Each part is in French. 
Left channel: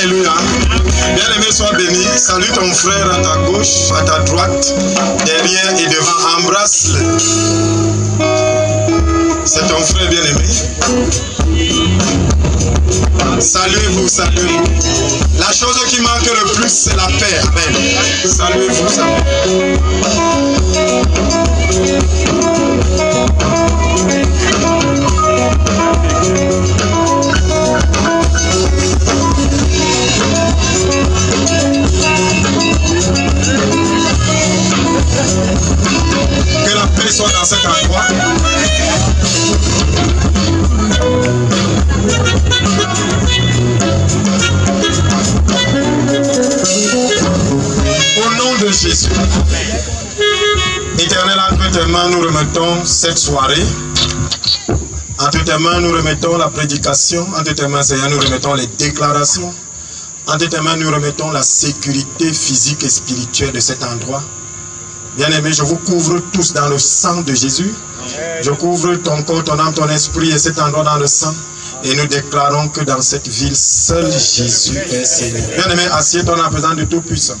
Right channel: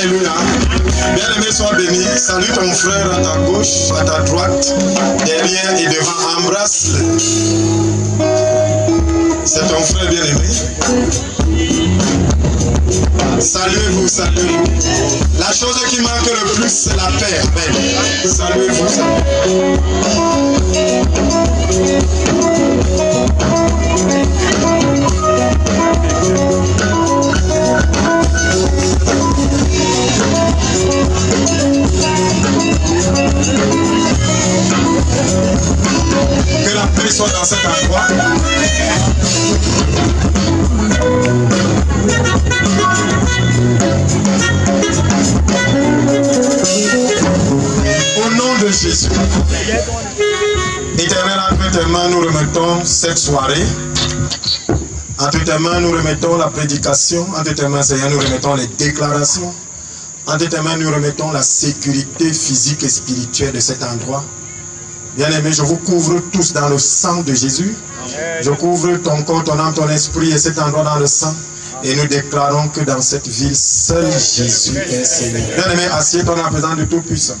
Alléluia. Bien-aimé, sois béni. Salue ton frère à ta gauche, à ta droite, derrière et devant. Embrasse-le. C'est ton frère bien-aimé. Saluez-vous, saluez-vous. La chose qui manque le plus, c'est la paix. Amen. Saluez-vous, saluez-vous. Que la paix soit dans cet endroit. Au nom de Jésus. Éternel, entre tes mains, nous remettons cette soirée. Entre tes mains, nous remettons la prédication. Entre tes mains, Seigneur, nous remettons les déclarations. Entre tes mains, nous remettons la sécurité physique et spirituelle de cet endroit. Bien-aimés, je vous couvre tous dans le sang de Jésus. Je couvre ton corps, ton âme, ton esprit et cet endroit dans le sang. Et nous déclarons que dans cette ville, seul Jésus est Seigneur. Bien-aimé, assieds-toi en présence du Tout-Puissant.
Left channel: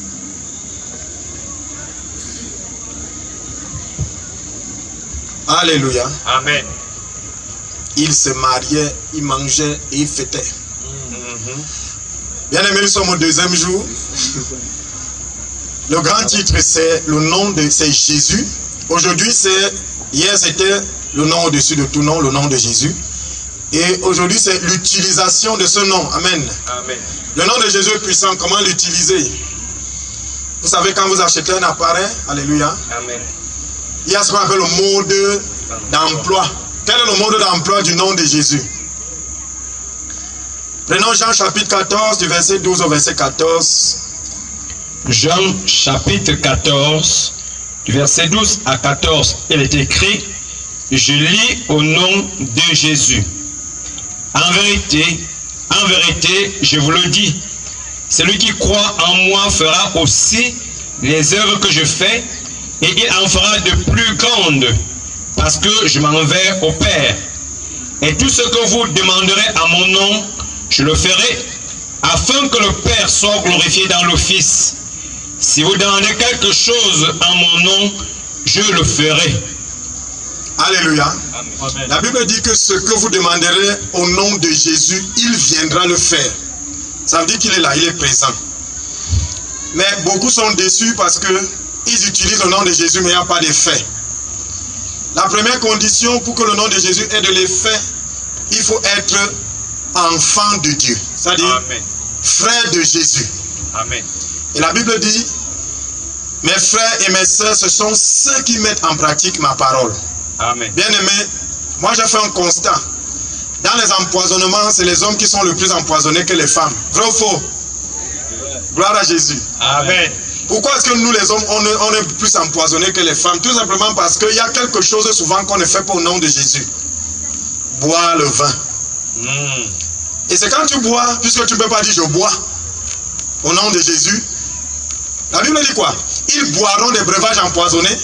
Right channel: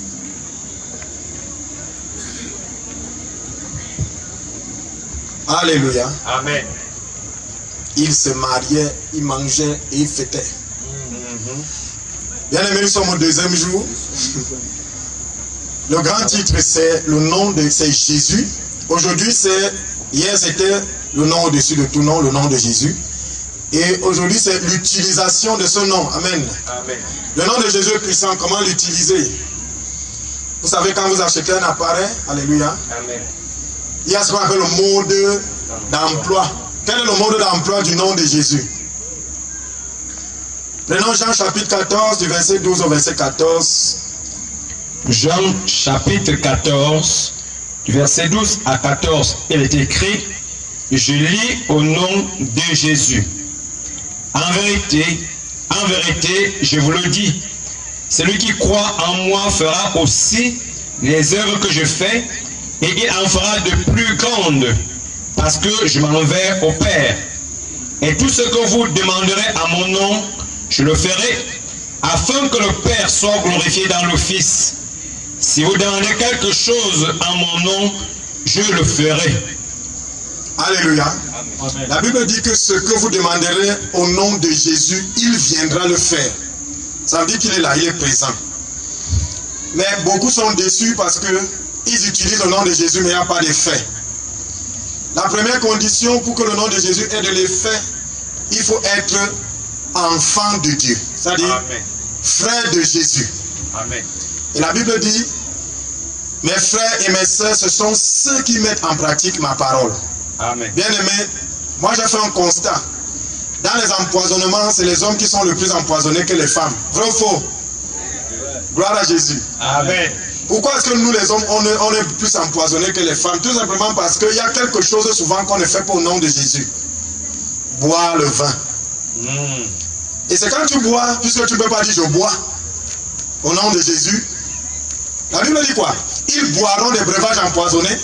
Alléluia. Amen. Il se mariait, il mangeait et il fêtait. Bien-aimés, nous sommes au deuxième jour. Le grand titre, c'est le nom de Jésus. Aujourd'hui, hier c'était le nom au-dessus de tout nom, le nom de Jésus. Et aujourd'hui, c'est l'utilisation de ce nom. Amen. Amen. Le nom de Jésus est puissant. Comment l'utiliser? Vous savez, quand vous achetez un appareil, alléluia, Amen. il y a ce qu'on appelle le mode d'emploi. Quel est le mode d'emploi du nom de Jésus? Prenons Jean chapitre 14, du verset 12 au verset 14. Jean chapitre 14, du verset 12 à 14, il est écrit: je lis au nom de Jésus. En vérité, je vous le dis, celui qui croit en moi fera aussi les œuvres que je fais, et il en fera de plus grandes, parce que je m'en vais au Père. Et tout ce que vous demanderez à mon nom, je le ferai, afin que le Père soit glorifié dans le Fils. Si vous demandez quelque chose en mon nom, je le ferai. Alléluia. Amen. La Bible dit que ce que vous demanderez au nom de Jésus, il viendra le faire. Ça veut dire qu'il est là, il est présent. Mais beaucoup sont déçus parce qu'ils utilisent le nom de Jésus, mais il n'y a pas d'effet. La première condition pour que le nom de Jésus ait de l'effet, il faut être enfant de Dieu. C'est-à-dire frère de Jésus. Amen. Et la Bible dit, mes frères et mes sœurs, ce sont ceux qui mettent en pratique ma parole. Amen. Bien aimé, moi j'ai fait un constat. Dans les empoisonnements, c'est les hommes qui sont le plus empoisonnés que les femmes. Vrai ou faux? Gloire à Jésus. Amen. Pourquoi est-ce que nous les hommes, on est plus empoisonnés que les femmes? Tout simplement parce qu'il y a quelque chose souvent qu'on ne fait pas au nom de Jésus. Boire le vin. Et c'est quand tu bois, puisque tu ne peux pas dire je bois au nom de Jésus. La Bible dit quoi? Ils boiront des breuvages empoisonnés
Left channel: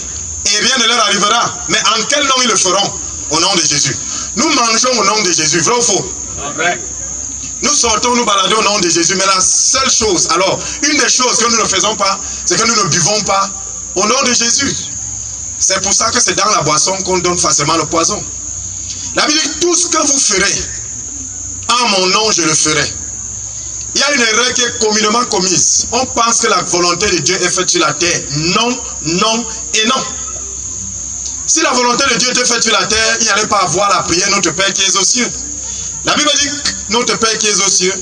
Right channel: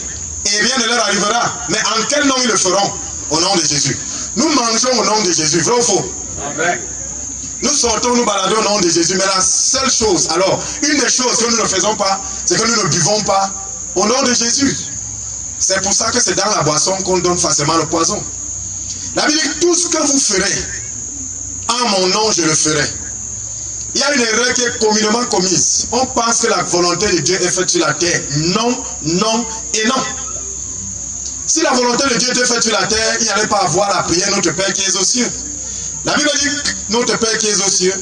et rien ne leur arrivera. Mais en quel nom ils le feront? Au nom de Jésus. Nous mangeons au nom de Jésus, vrai ou faux? Amen. Nous sortons, nous baladons au nom de Jésus. Mais la seule chose, alors, une des choses que nous ne faisons pas, c'est que nous ne buvons pas au nom de Jésus. C'est pour ça que c'est dans la boisson qu'on donne facilement le poison. La Bible dit, tout ce que vous ferez, en mon nom, je le ferai. Il y a une erreur qui est communément commise. On pense que la volonté de Dieu est faite sur la terre. Non, non et non. Si la volonté de Dieu était faite sur la terre, il n'y allait pas avoir la prière Notre Père qui est aux cieux. La Bible dit, Notre Père qui est aux cieux,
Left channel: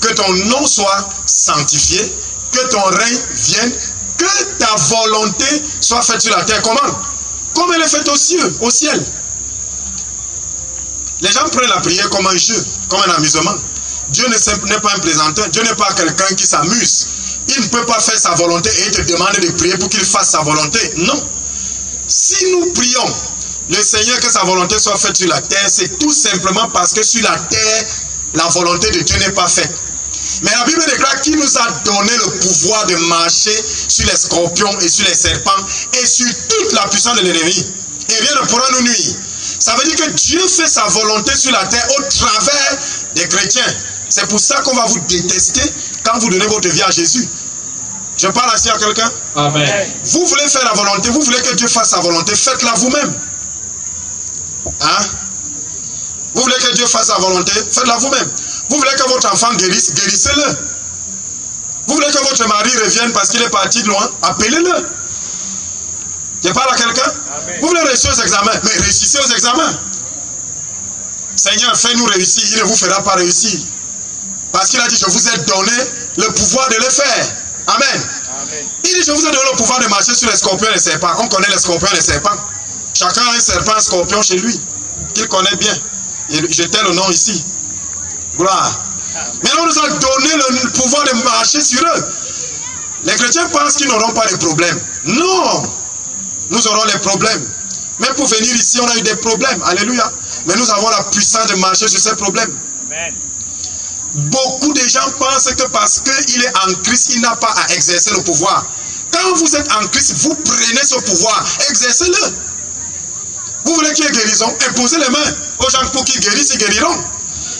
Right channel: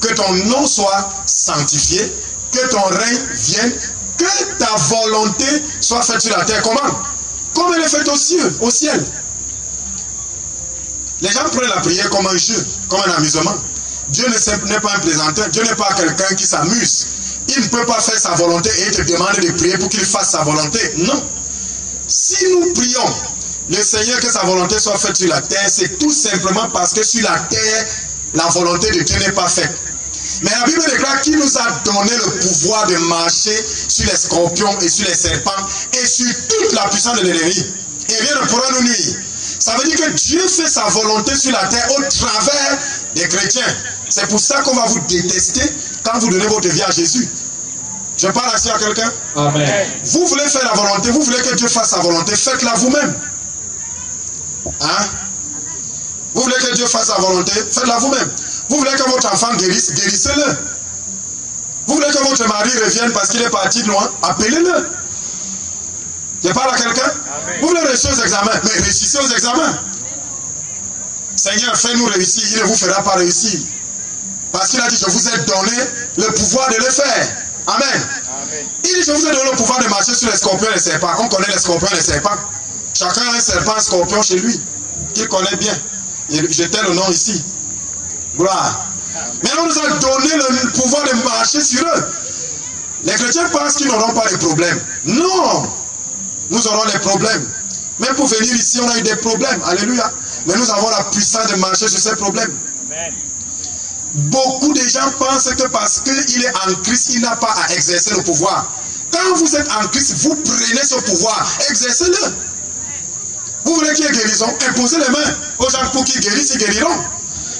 que ton nom soit sanctifié, que ton règne vienne, que ta volonté soit faite sur la terre. Comment? Comme elle est faite aux cieux, au ciel. Les gens prennent la prière comme un jeu, comme un amusement. Dieu n'est pas un plaisanteur, Dieu n'est pas quelqu'un qui s'amuse. Il ne peut pas faire sa volonté et il te demande de prier pour qu'il fasse sa volonté. Non. Si nous prions le Seigneur que sa volonté soit faite sur la terre, c'est tout simplement parce que sur la terre, la volonté de Dieu n'est pas faite. Mais la Bible déclare qu'il nous a donné le pouvoir de marcher sur les scorpions et sur les serpents et sur toute la puissance de l'ennemi. Et rien ne pourra nous nuire. Ça veut dire que Dieu fait sa volonté sur la terre au travers des chrétiens. C'est pour ça qu'on va vous détester quand vous donnez votre vie à Jésus. Je parle ainsi à quelqu'un. Amen. Vous voulez faire la volonté, vous voulez que Dieu fasse sa volonté, faites-la vous-même. Hein? Vous voulez que Dieu fasse sa volonté, faites-la vous-même. Vous voulez que votre enfant guérisse, guérissez-le. Vous voulez que votre mari revienne parce qu'il est parti de loin, appelez-le. Je parle à quelqu'un. Vous voulez réussir aux examens, mais réussissez aux examens. Seigneur, fais-nous réussir, il ne vous fera pas réussir. Parce qu'il a dit, je vous ai donné le pouvoir de le faire. Amen. Amen. Il dit, je vous ai donné le pouvoir de marcher sur les scorpions et les serpents. On connaît les scorpions et les serpents. Chacun a un serpent, un scorpion chez lui, qu'il connaît bien. J'étais le nom ici. Gloire. Maintenant, on nous a donné le pouvoir de marcher sur eux. Les chrétiens pensent qu'ils n'auront pas de problèmes. Non. Nous aurons les problèmes. Même pour venir ici, on a eu des problèmes. Alléluia. Mais nous avons la puissance de marcher sur ces problèmes. Amen. Beaucoup de gens pensent que parce qu'il est en Christ, il n'a pas à exercer le pouvoir. Quand vous êtes en Christ, vous prenez ce pouvoir, exercez-le. Vous voulez qu'il y ait guérison, imposez les mains aux gens pour qu'ils guérissent, ils guériront.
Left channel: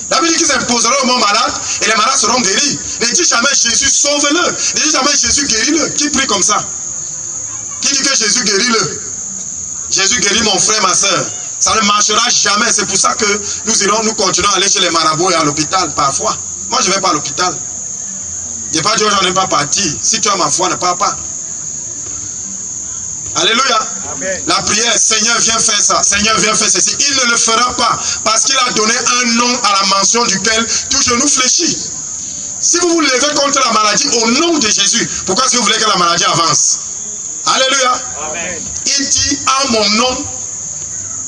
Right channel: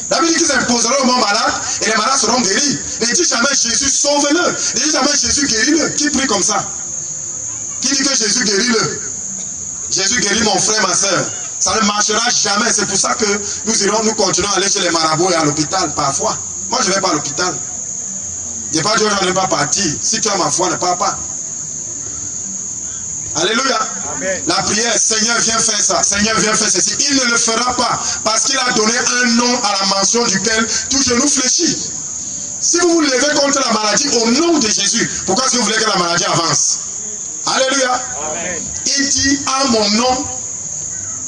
La Bible dit qu'ils imposeront aux gens malades et les malades seront guéris. Ne dis jamais Jésus, sauve-le. Ne dis jamais Jésus, guéris-le. Qui prie comme ça? Qui dit que Jésus guérit-le? Jésus guérit mon frère, ma soeur. Ça ne marchera jamais. C'est pour ça que nous continuons à aller chez les marabouts et à l'hôpital parfois. Moi, je ne vais pas à l'hôpital. Je n'ai pas dit aux gens de ne pas partir. Si tu as ma foi, ne pars pas. Alléluia. Amen. La prière, Seigneur, viens faire ça. Seigneur, viens faire ceci. Il ne le fera pas parce qu'il a donné un nom à la mention duquel tout genou fléchit. Si vous vous levez contre la maladie au nom de Jésus, pourquoi est-ce que vous voulez que la maladie avance? Alléluia. Amen. Il dit, en mon nom,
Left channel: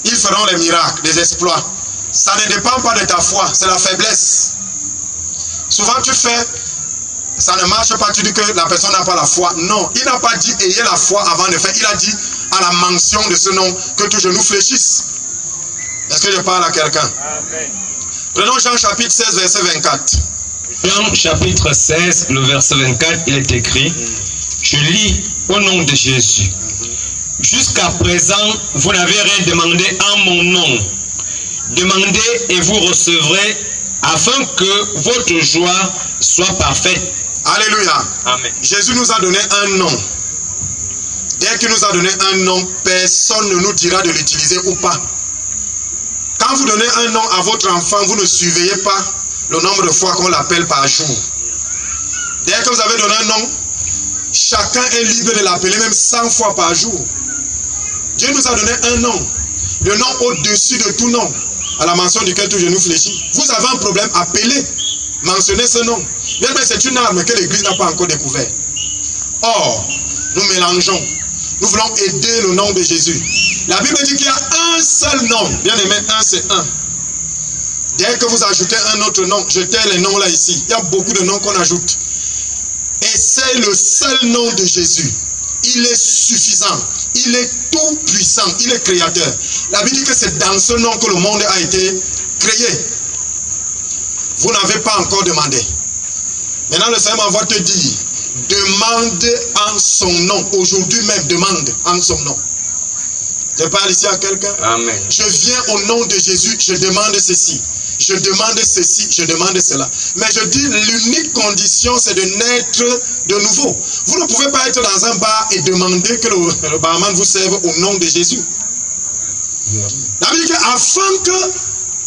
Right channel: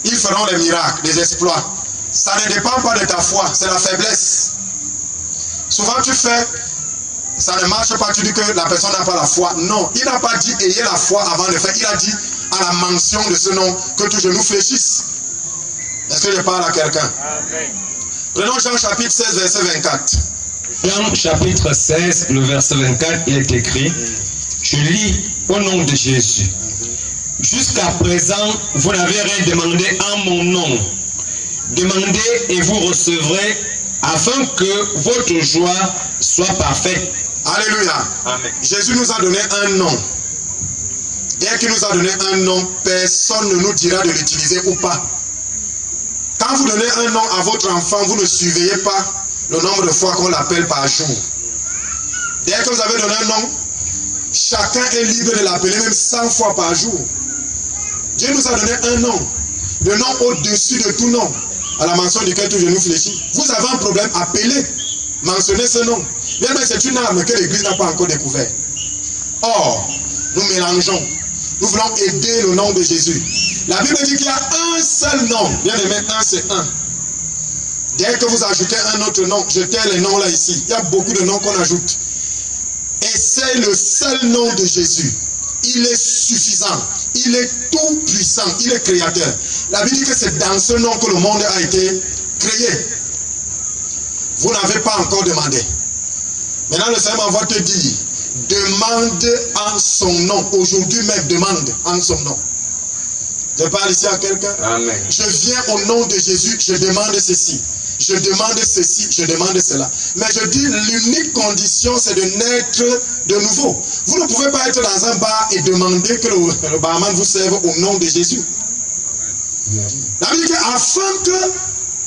ils feront les miracles, les exploits. Ça ne dépend pas de ta foi, c'est la faiblesse. Souvent tu fais, ça ne marche pas, tu dis que la personne n'a pas la foi. Non, il n'a pas dit ayez la foi avant de faire. Il a dit à la mention de ce nom que tout genou fléchisse. Est-ce que je parle à quelqu'un? Prenons Jean chapitre 16, verset 24. Jean chapitre 16, le verset 24, il est écrit, je lis au nom de Jésus. Jusqu'à présent, vous n'avez rien demandé en mon nom. Demandez et vous recevrez afin que votre joie soit parfaite. Alléluia. Amen. Jésus nous a donné un nom. Dès qu'il nous a donné un nom, personne ne nous dira de l'utiliser ou pas. Quand vous donnez un nom à votre enfant, vous ne surveillez pas le nombre de fois qu'on l'appelle par jour. Dès que vous avez donné un nom, chacun est libre de l'appeler même 100 fois par jour. Dieu nous a donné un nom, le nom au-dessus de tout nom, à la mention duquel tout genou fléchit. Vous avez un problème, appelez, mentionnez ce nom. Bien, mais c'est une arme que l'Église n'a pas encore découvert. Or, nous mélangeons. Nous voulons aider le nom de Jésus. La Bible dit qu'il y a un seul nom. Bien aimé, un c'est un. Dès que vous ajoutez un autre nom, jetez les noms là ici. Il y a beaucoup de noms qu'on ajoute. Et c'est le seul nom de Jésus. Il est suffisant. Il est tout puissant. Il est créateur. La Bible dit que c'est dans ce nom que le monde a été créé. Vous n'avez pas encore demandé. Maintenant, le Seigneur m'envoie te dire, demande en son nom. Aujourd'hui même, demande en son nom. Je parle ici à quelqu'un. Amen. Je viens au nom de Jésus, je demande ceci. Je demande ceci, je demande cela. Mais je dis, l'unique condition, c'est de naître de nouveau. Vous ne pouvez pas être dans un bar et demander que le barman vous serve au nom de Jésus. La Bible dit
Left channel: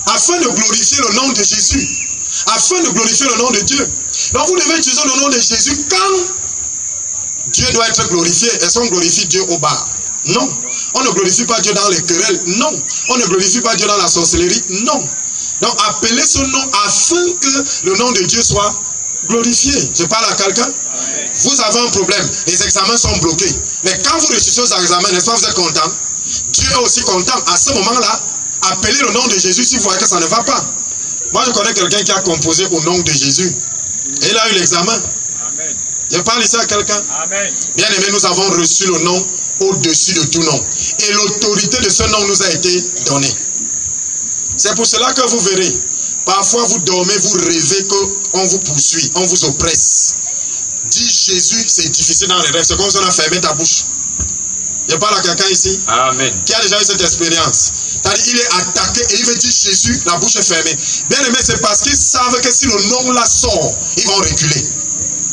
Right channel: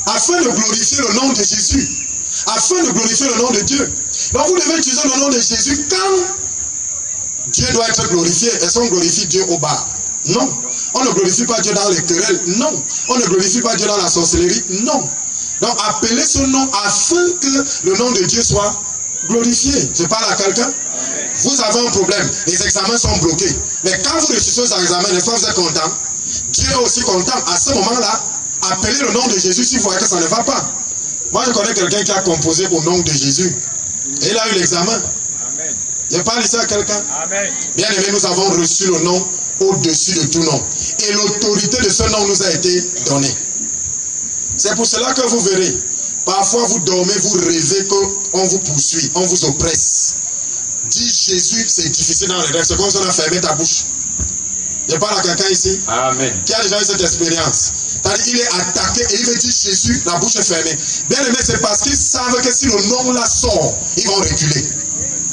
afin de glorifier le nom de Jésus, afin de glorifier le nom de Dieu. Donc vous devez utiliser le nom de Jésus quand Dieu doit être glorifié. Est-ce qu'on glorifie Dieu au bar? Non. On ne glorifie pas Dieu dans les querelles. Non. On ne glorifie pas Dieu dans la sorcellerie. Non. Donc appelez ce nom afin que le nom de Dieu soit glorifié. Je parle à quelqu'un. Vous avez un problème. Les examens sont bloqués. Mais quand vous réussissez aux examens, n'est-ce pas, vous êtes content? Dieu est aussi content. À ce moment-là, appelez le nom de Jésus si vous voyez que ça ne va pas. Moi, je connais quelqu'un qui a composé au nom de Jésus. Et il a eu l'examen. Je parle ici à quelqu'un. Bien aimé, nous avons reçu le nom au-dessus de tout nom. Et l'autorité de ce nom nous a été donnée. C'est pour cela que vous verrez, parfois vous dormez, vous rêvez qu'on vous poursuit, on vous oppresse. Dis Jésus, c'est difficile dans les rêves. C'est comme si on a fermé ta bouche. Je parle à quelqu'un ici. Amen. Qui a déjà eu cette expérience. C'est-à-dire, il est attaqué et il veut dire Jésus, la bouche est fermée. Bien aimé, c'est parce qu'ils savent que si le nom là sort, ils vont reculer.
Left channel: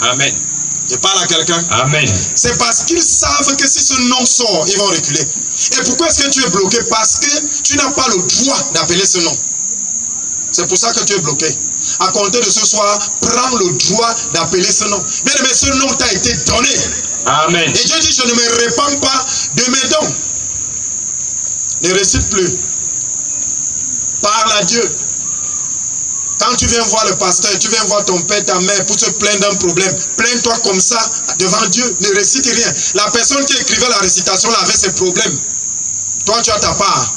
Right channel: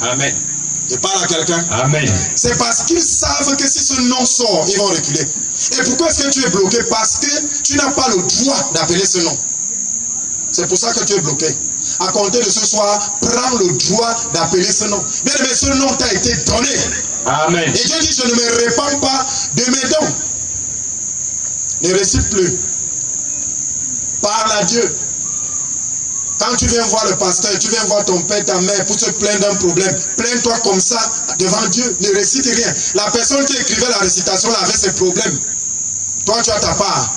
Amen. Je parle à quelqu'un. Amen. C'est parce qu'ils savent que si ce nom sort, ils vont reculer. Et pourquoi est-ce que tu es bloqué? Parce que tu n'as pas le droit d'appeler ce nom. C'est pour ça que tu es bloqué. À compter de ce soir, prends le droit d'appeler ce nom. Bien aimé, ce nom t'a été donné. Amen. Et Dieu dit, je ne me répands pas de mes dons. Ne récite plus. Parle à Dieu. Quand tu viens voir le pasteur, tu viens voir ton père, ta mère pour te plaindre d'un problème, plains-toi comme ça devant Dieu, ne récite rien. La personne qui écrivait la récitation là avait ses problèmes. Toi, tu as ta part.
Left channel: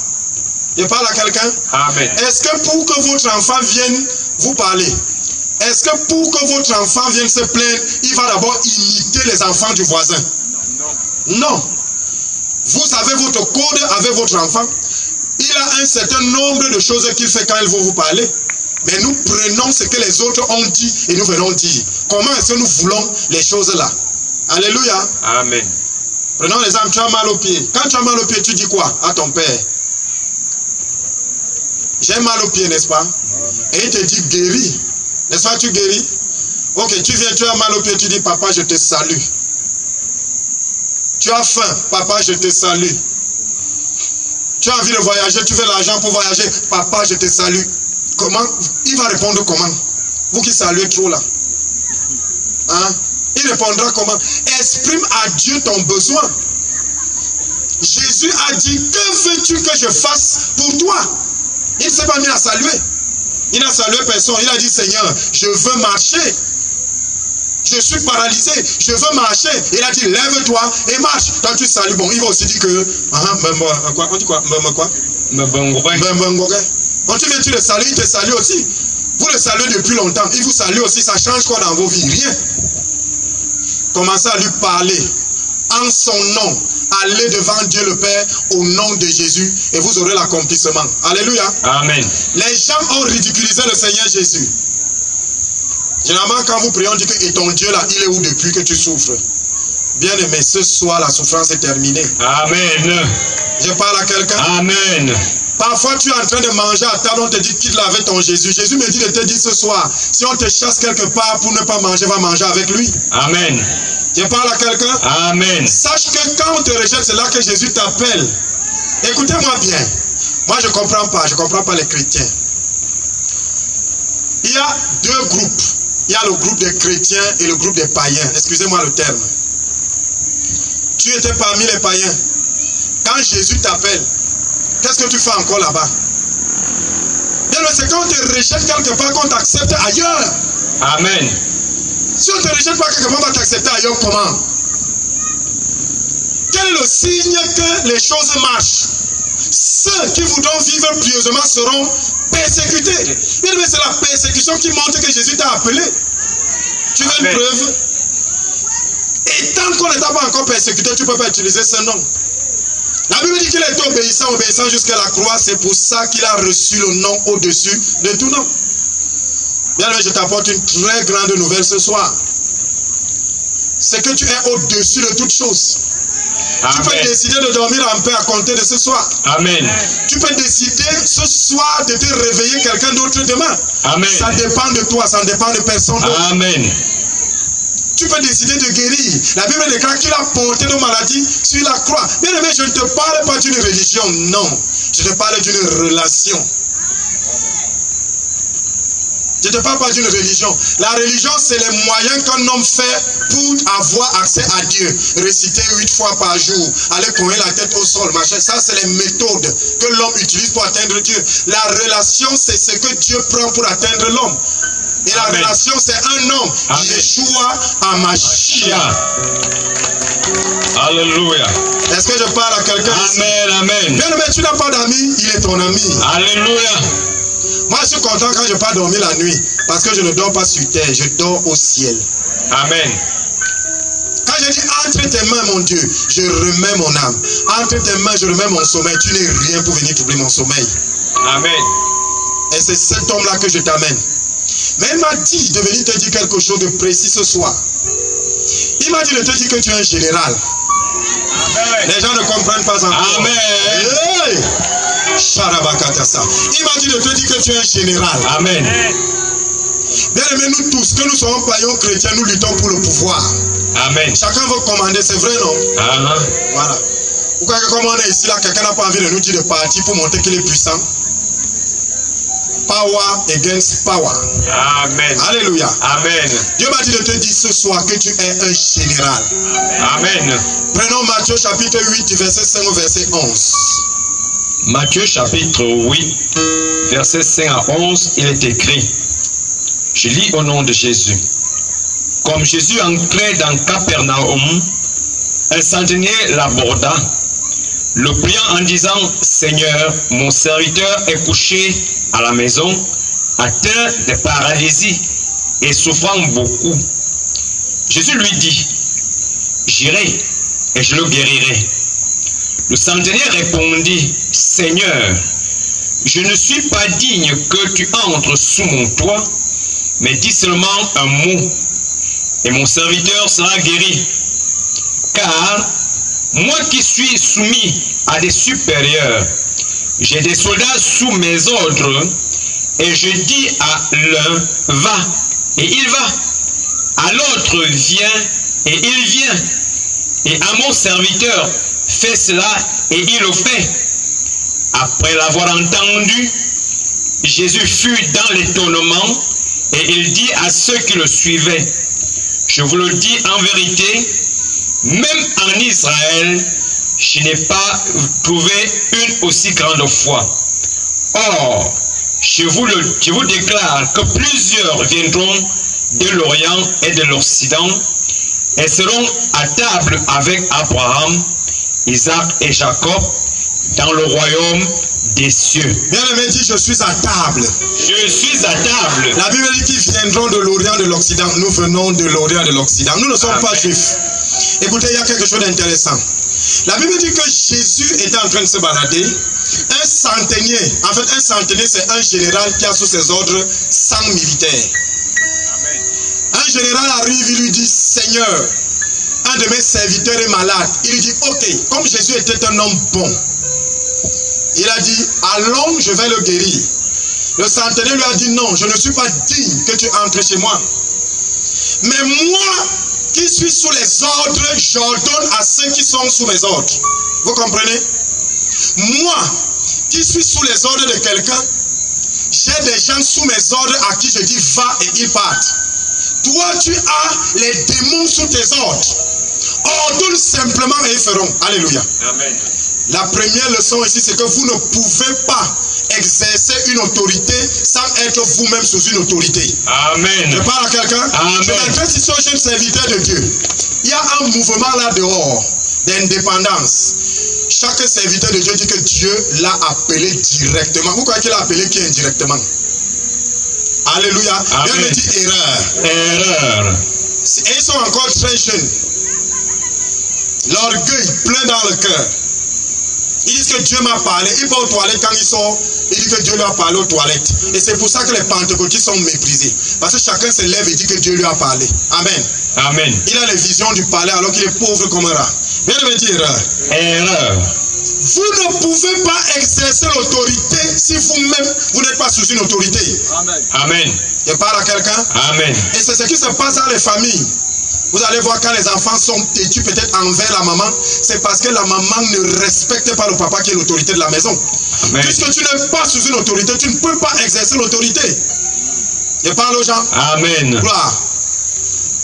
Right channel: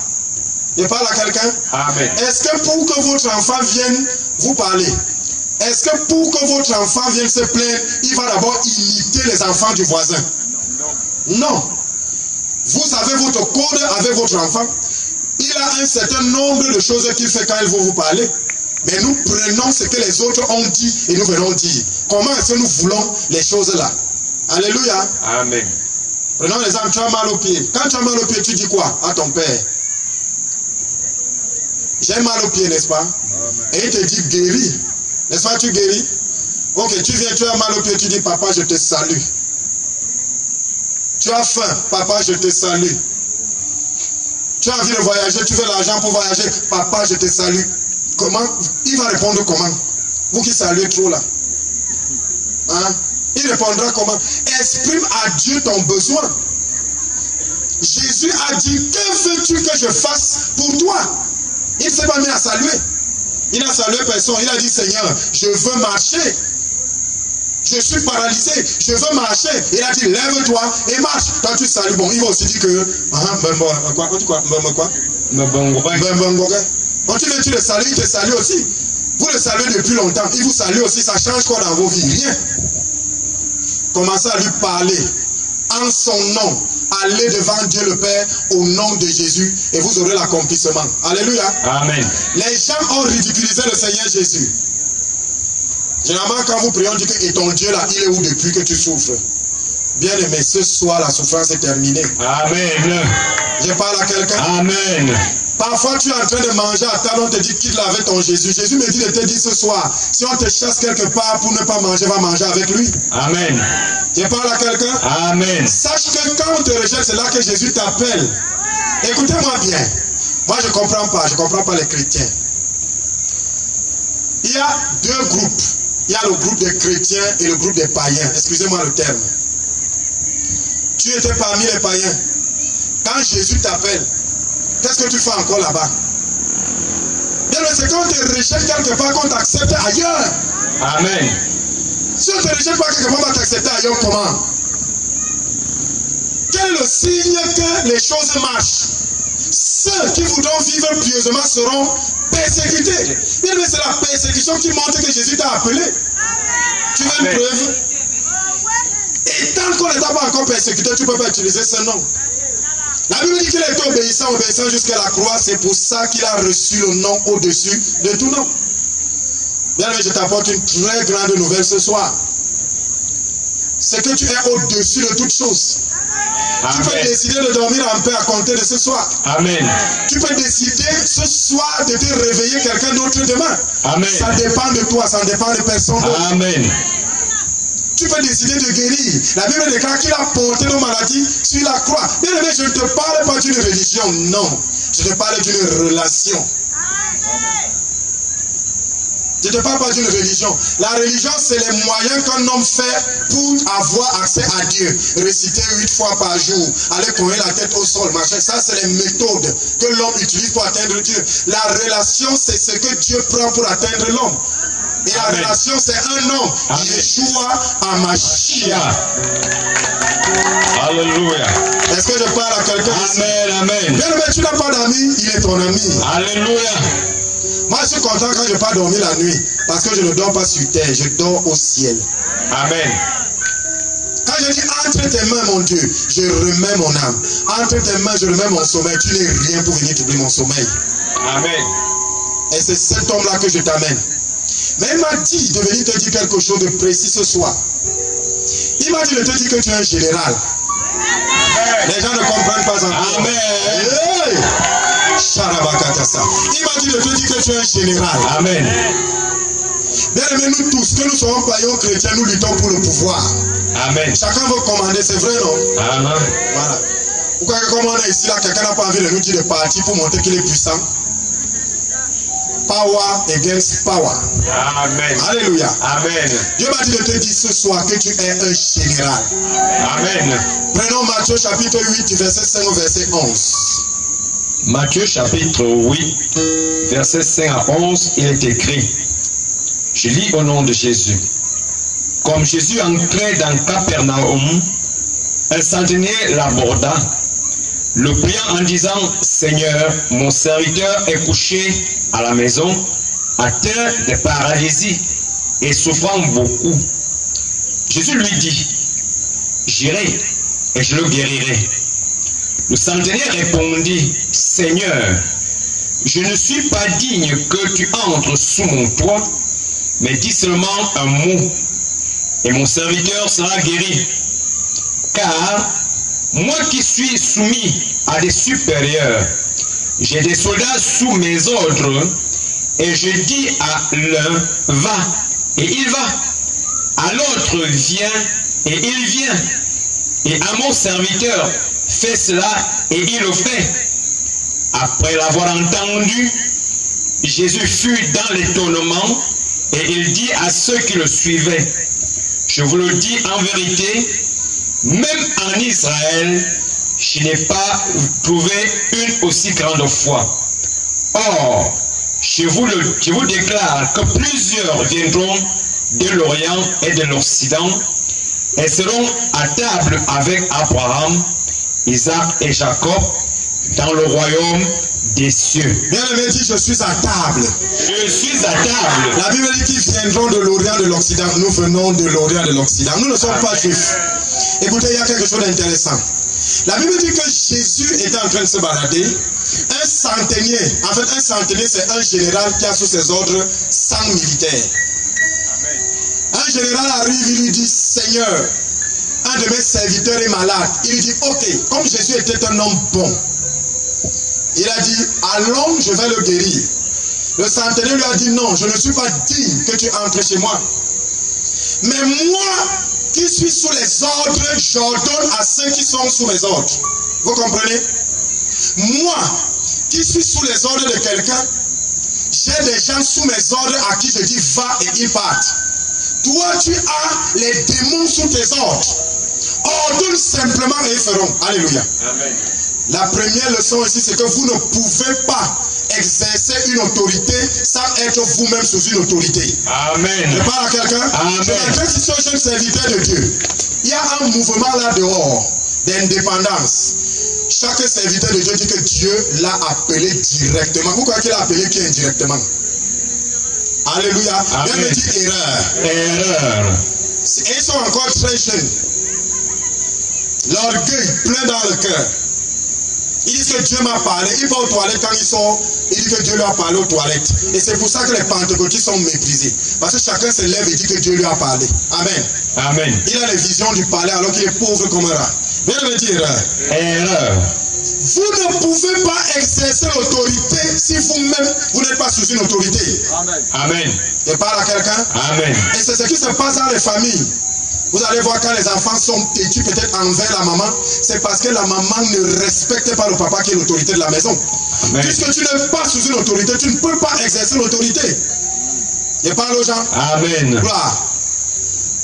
Je parle à quelqu'un. Amen. Est-ce que pour que votre enfant vienne vous parler, est-ce que pour que votre enfant vienne se plaindre, il va d'abord imiter les enfants du voisin? Non. Vous avez votre code avec votre enfant. Il a un certain nombre de choses qu'il fait quand il va vous parler. Mais nous prenons ce que les autres ont dit et nous venons dire. Comment est-ce que nous voulons les choses là? Alléluia. Amen. Prenons l'exemple, tu as mal au pied. Quand tu as mal au pied, tu dis quoi à ton père? J'ai mal au pied, n'est-ce pas? Et il te dit guéris. N'est-ce pas, tu guéris? Ok, tu viens, tu as mal au pied, tu dis papa, je te salue. Tu as faim, papa, je te salue. Tu as envie de voyager, tu veux l'argent pour voyager, papa, je te salue. Comment? Il va répondre comment? Vous qui saluez trop là. Hein? Il répondra comment? Exprime à Dieu ton besoin. Jésus a dit, que veux-tu que je fasse pour toi? Il ne s'est pas mis à saluer. Il n'a salué personne. Il a dit, Seigneur, je veux marcher. Je suis paralysé. Je veux marcher. Il a dit, lève-toi et marche. Toi, tu salues. Bon, il va aussi dire que... quoi? On dit quoi? Quand tu viens, tu le salues, il te salue aussi. Vous le saluez depuis longtemps. Il vous salue aussi. Ça change quoi dans vos vies? Rien. Commencez à lui parler en son nom. Allez devant Dieu le Père au nom de Jésus et vous aurez l'accomplissement. Alléluia. Amen. Les gens ont ridiculisé le Seigneur Jésus. Généralement, quand vous priez, on dit que et ton Dieu là, il est où depuis que tu souffres? Bien aimé, ce soir, la souffrance est terminée. Amen. Je parle à quelqu'un. Amen. Parfois, tu es en train de manger à table, on te dit quitte avec ton Jésus. Jésus me dit de te dire ce soir, si on te chasse quelque part pour ne pas manger, va manger avec lui. Amen. Je parle à quelqu'un. Amen. Sache que quand on te rejette, c'est là que Jésus t'appelle. Écoutez-moi bien. Moi, je ne comprends pas. Je ne comprends pas les chrétiens. Il y a deux groupes. Il y a le groupe des chrétiens et le groupe des païens. Excusez-moi le terme. Tu étais parmi les païens. Quand Jésus t'appelle, qu'est-ce que tu fais encore là-bas? C'est quand on te rejette quelque part qu'on t'accepte ailleurs. Amen. Si on ne te rejette pas quelque part, on va t'accepter ailleurs comment? Quel est le signe que les choses marchent? Ceux qui voudront vivre pieusement seront persécutés. Bien, mais c'est la persécution qui montre que Jésus t'a appelé. Tu veux une preuve? Et tant qu'on n'est pas encore persécuté, tu ne peux pas utiliser ce nom. La Bible dit qu'il est obéissant jusqu'à la croix. C'est pour ça qu'il a reçu le nom au-dessus de tout nom. Bien, je t'apporte une très grande nouvelle ce soir. C'est que tu es au-dessus de toutes choses. Amen. Tu peux décider de dormir en paix à compter de ce soir. Amen. Tu peux décider ce soir de te réveiller quelqu'un d'autre demain. Amen. Ça dépend de toi, ça ne dépend de personne d'autre. Amen. Tu peux décider de guérir. La Bible déclare qu'il a porté nos maladies sur la croix. Bien aimé, je ne te parle pas d'une religion, non. Je te parle d'une relation. Je ne te parle pas d'une religion. La religion, c'est les moyens qu'un homme fait pour avoir accès à Dieu. Réciter 8 fois par jour, aller cogner la tête au sol, machin. Ça, c'est les méthodes que l'homme utilise pour atteindre Dieu. La relation, c'est ce que Dieu prend pour atteindre l'homme. Et la relation, c'est un homme. Yeshua HaMashiach. Alléluia. Est-ce que je parle à quelqu'un? Amen, amen. Bien, mais tu n'as pas d'amis, il est ton ami. Alléluia. Moi, je suis content quand je pars dormir la nuit. Parce que je ne dors pas sur terre, je dors au ciel. Amen. Quand je dis entre tes mains, mon Dieu, je remets mon âme. Entre tes mains, je remets mon sommeil. Tu n'es rien pour venir troubler mon sommeil. Amen. Et c'est cet homme-là que je t'amène. Mais il m'a dit de venir te dire quelque chose de précis ce soir. Il m'a dit de te dire que tu es un général. Amen. Les gens ne comprennent pas encore. Amen. Hey. Il m'a dit de te dire que tu es un général. Amen. Bien aimés, nous tous, que nous soyons païens chrétiens, nous luttons pour le pouvoir. Amen. Chacun veut commander, c'est vrai, non? Amen. Voilà. Pourquoi comme on est ici, là, quelqu'un n'a pas envie de nous dire de partir pour montrer qu'il est puissant? Power against power. Amen. Alléluia. Amen. Dieu m'a dit de te dire ce soir que tu es un général. Amen. Prenons Matthieu chapitre 8, du verset 5 au verset 11. Matthieu chapitre 8, verset 5 à 11, il est écrit, je lis au nom de Jésus. Comme Jésus entrait dans Capernaum, un centenier l'aborda, le priant en disant, Seigneur, mon serviteur est couché à la maison, atteint de paralysie et souffrant beaucoup. Jésus lui dit, j'irai et je le guérirai. Le centenier répondit, Seigneur, je ne suis pas digne que tu entres sous mon toit, mais dis seulement un mot, et mon serviteur sera guéri. Car moi qui suis soumis à des supérieurs, j'ai des soldats sous mes ordres, et je dis à l'un, va, et il va. À l'autre, viens, et il vient. Et à mon serviteur, fais cela, et il le fait. Après l'avoir entendu, Jésus fut dans l'étonnement, et il dit à ceux qui le suivaient, je vous le dis en vérité, même en Israël, je n'ai pas trouvé une aussi grande foi. Or, je vous déclare que plusieurs viendront de l'Orient et de l'Occident et seront à table avec Abraham, Isaac et Jacob dans le royaume des cieux. Bien aimé, dit je suis à table. Je suis à table. La Bible dit qu'ils viendront de l'Orient de l'Occident. Nous venons de l'Orient de l'Occident. Nous ne sommes pas juifs. Écoutez, il y a quelque chose d'intéressant. La Bible dit que Jésus était en train de se balader. Un centenier, en fait un centenier c'est un général qui a sous ses ordres 100 militaires. Amen. Un général arrive, il lui dit, Seigneur, un de mes serviteurs est malade. Il lui dit, ok, comme Jésus était un homme bon, il a dit, allons, je vais le guérir. Le centenier lui a dit, non, je ne suis pas digne que tu entres chez moi. Mais moi, qui suis sous les ordres, j'ordonne à ceux qui sont sous mes ordres. Vous comprenez? Moi, qui suis sous les ordres de quelqu'un, j'ai des gens sous mes ordres à qui je dis va et ils partent. Toi, tu as les démons sous tes ordres. Ordonne simplement et ils feront. Alléluia. Amen. La première leçon ici, c'est que vous ne pouvez pas exercer une autorité sans être vous-même sous une autorité. Amen. Je parle à quelqu'un. Je m'adresse ici aux jeunes serviteurs de Dieu. Il y a un mouvement là dehors d'indépendance. Chaque serviteur de Dieu dit que Dieu l'a appelé directement. Vous croyez qu'il a appelé qui indirectement? Alléluia. Dieu me dit erreur. Erreur. Et ils sont encore très jeunes. L'orgueil plein dans le cœur. Ils disent que Dieu m'a parlé. Ils vont aux toilettes quand ils sont. Ils disent que Dieu leur a parlé aux toilettes. Et c'est pour ça que les pentecôtistes sont méprisés. Parce que chacun se lève et dit que Dieu lui a parlé. Amen. Amen. Il a les visions du palais alors qu'il est pauvre comme un rat. Viens de me dire erreur. Vous ne pouvez pas exercer l'autorité si vous-même vous n'êtes pas sous une autorité. Amen. Amen. Je parle à quelqu'un. Amen. Et c'est ce qui se passe dans les familles. Vous allez voir quand les enfants sont têtus peut-être envers la maman, c'est parce que la maman ne respecte pas le papa qui est l'autorité de la maison. Amen. Puisque tu n'es pas sous une autorité, tu ne peux pas exercer l'autorité. Je parle aux gens. Amen. Gloire.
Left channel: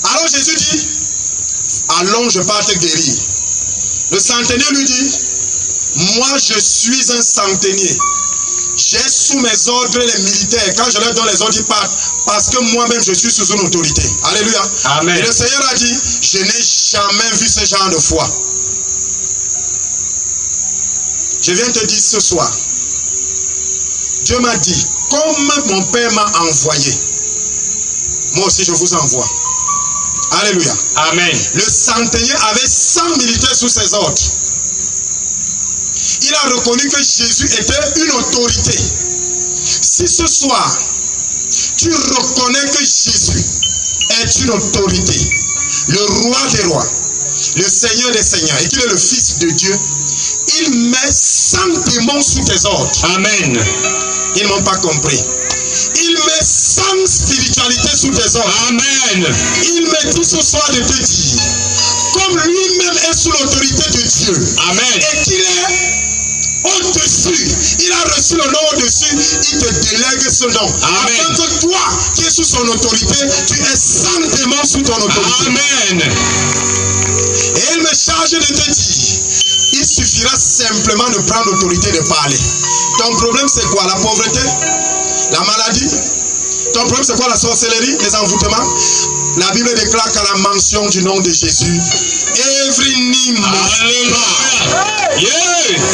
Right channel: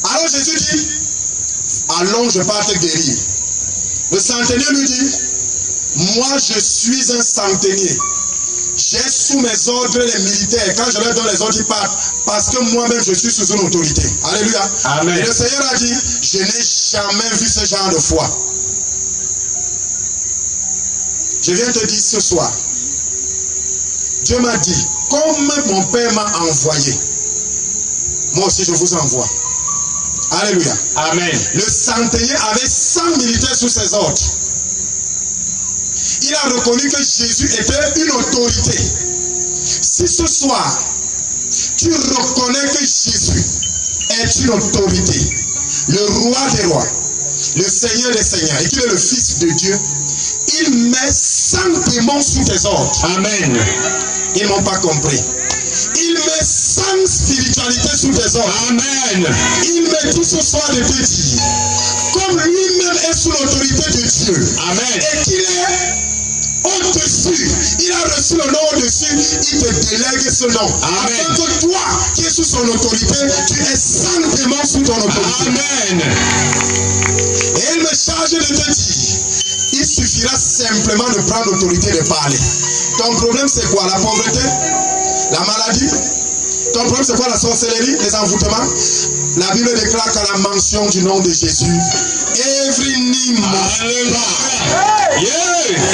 Alors Jésus dit, allons, je pars te guérir. Le centenier lui dit, moi je suis un centenier. J'ai sous mes ordres les militaires. Quand je leur donne les ordres, ils partent. Parce que moi-même, je suis sous une autorité. Alléluia. Amen. Et le Seigneur a dit, je n'ai jamais vu ce genre de foi. Je viens te dire ce soir, Dieu m'a dit, comme mon Père m'a envoyé, moi aussi je vous envoie. Alléluia. Amen. Le centenier avait 100 militaires sous ses ordres. Il a reconnu que Jésus était une autorité. Si ce soir, tu reconnais que Jésus est une autorité, le roi des rois, le Seigneur des seigneurs, et qu'il est le Fils de Dieu, il met 100 démons sous tes ordres. Amen. Ils n'ont pas compris. Il met 100 sans spiritualité sous tes ordres. Amen. Il me dit ce soir de te dire, comme lui-même est sous l'autorité de Dieu, Amen. et qu'il est au-dessus, il a reçu le nom au-dessus, il te délègue ce nom. Amen. Afin que toi, qui es sous son autorité, tu es saintement sous ton autorité. Amen. Et il me charge de te dire, il suffira simplement de prendre l'autorité de parler. Ton problème c'est quoi? La pauvreté? La maladie? Ton problème c'est quoi? La sorcellerie? Les envoûtements? La Bible déclare qu'à la mention du nom de Jésus, every knee must bow.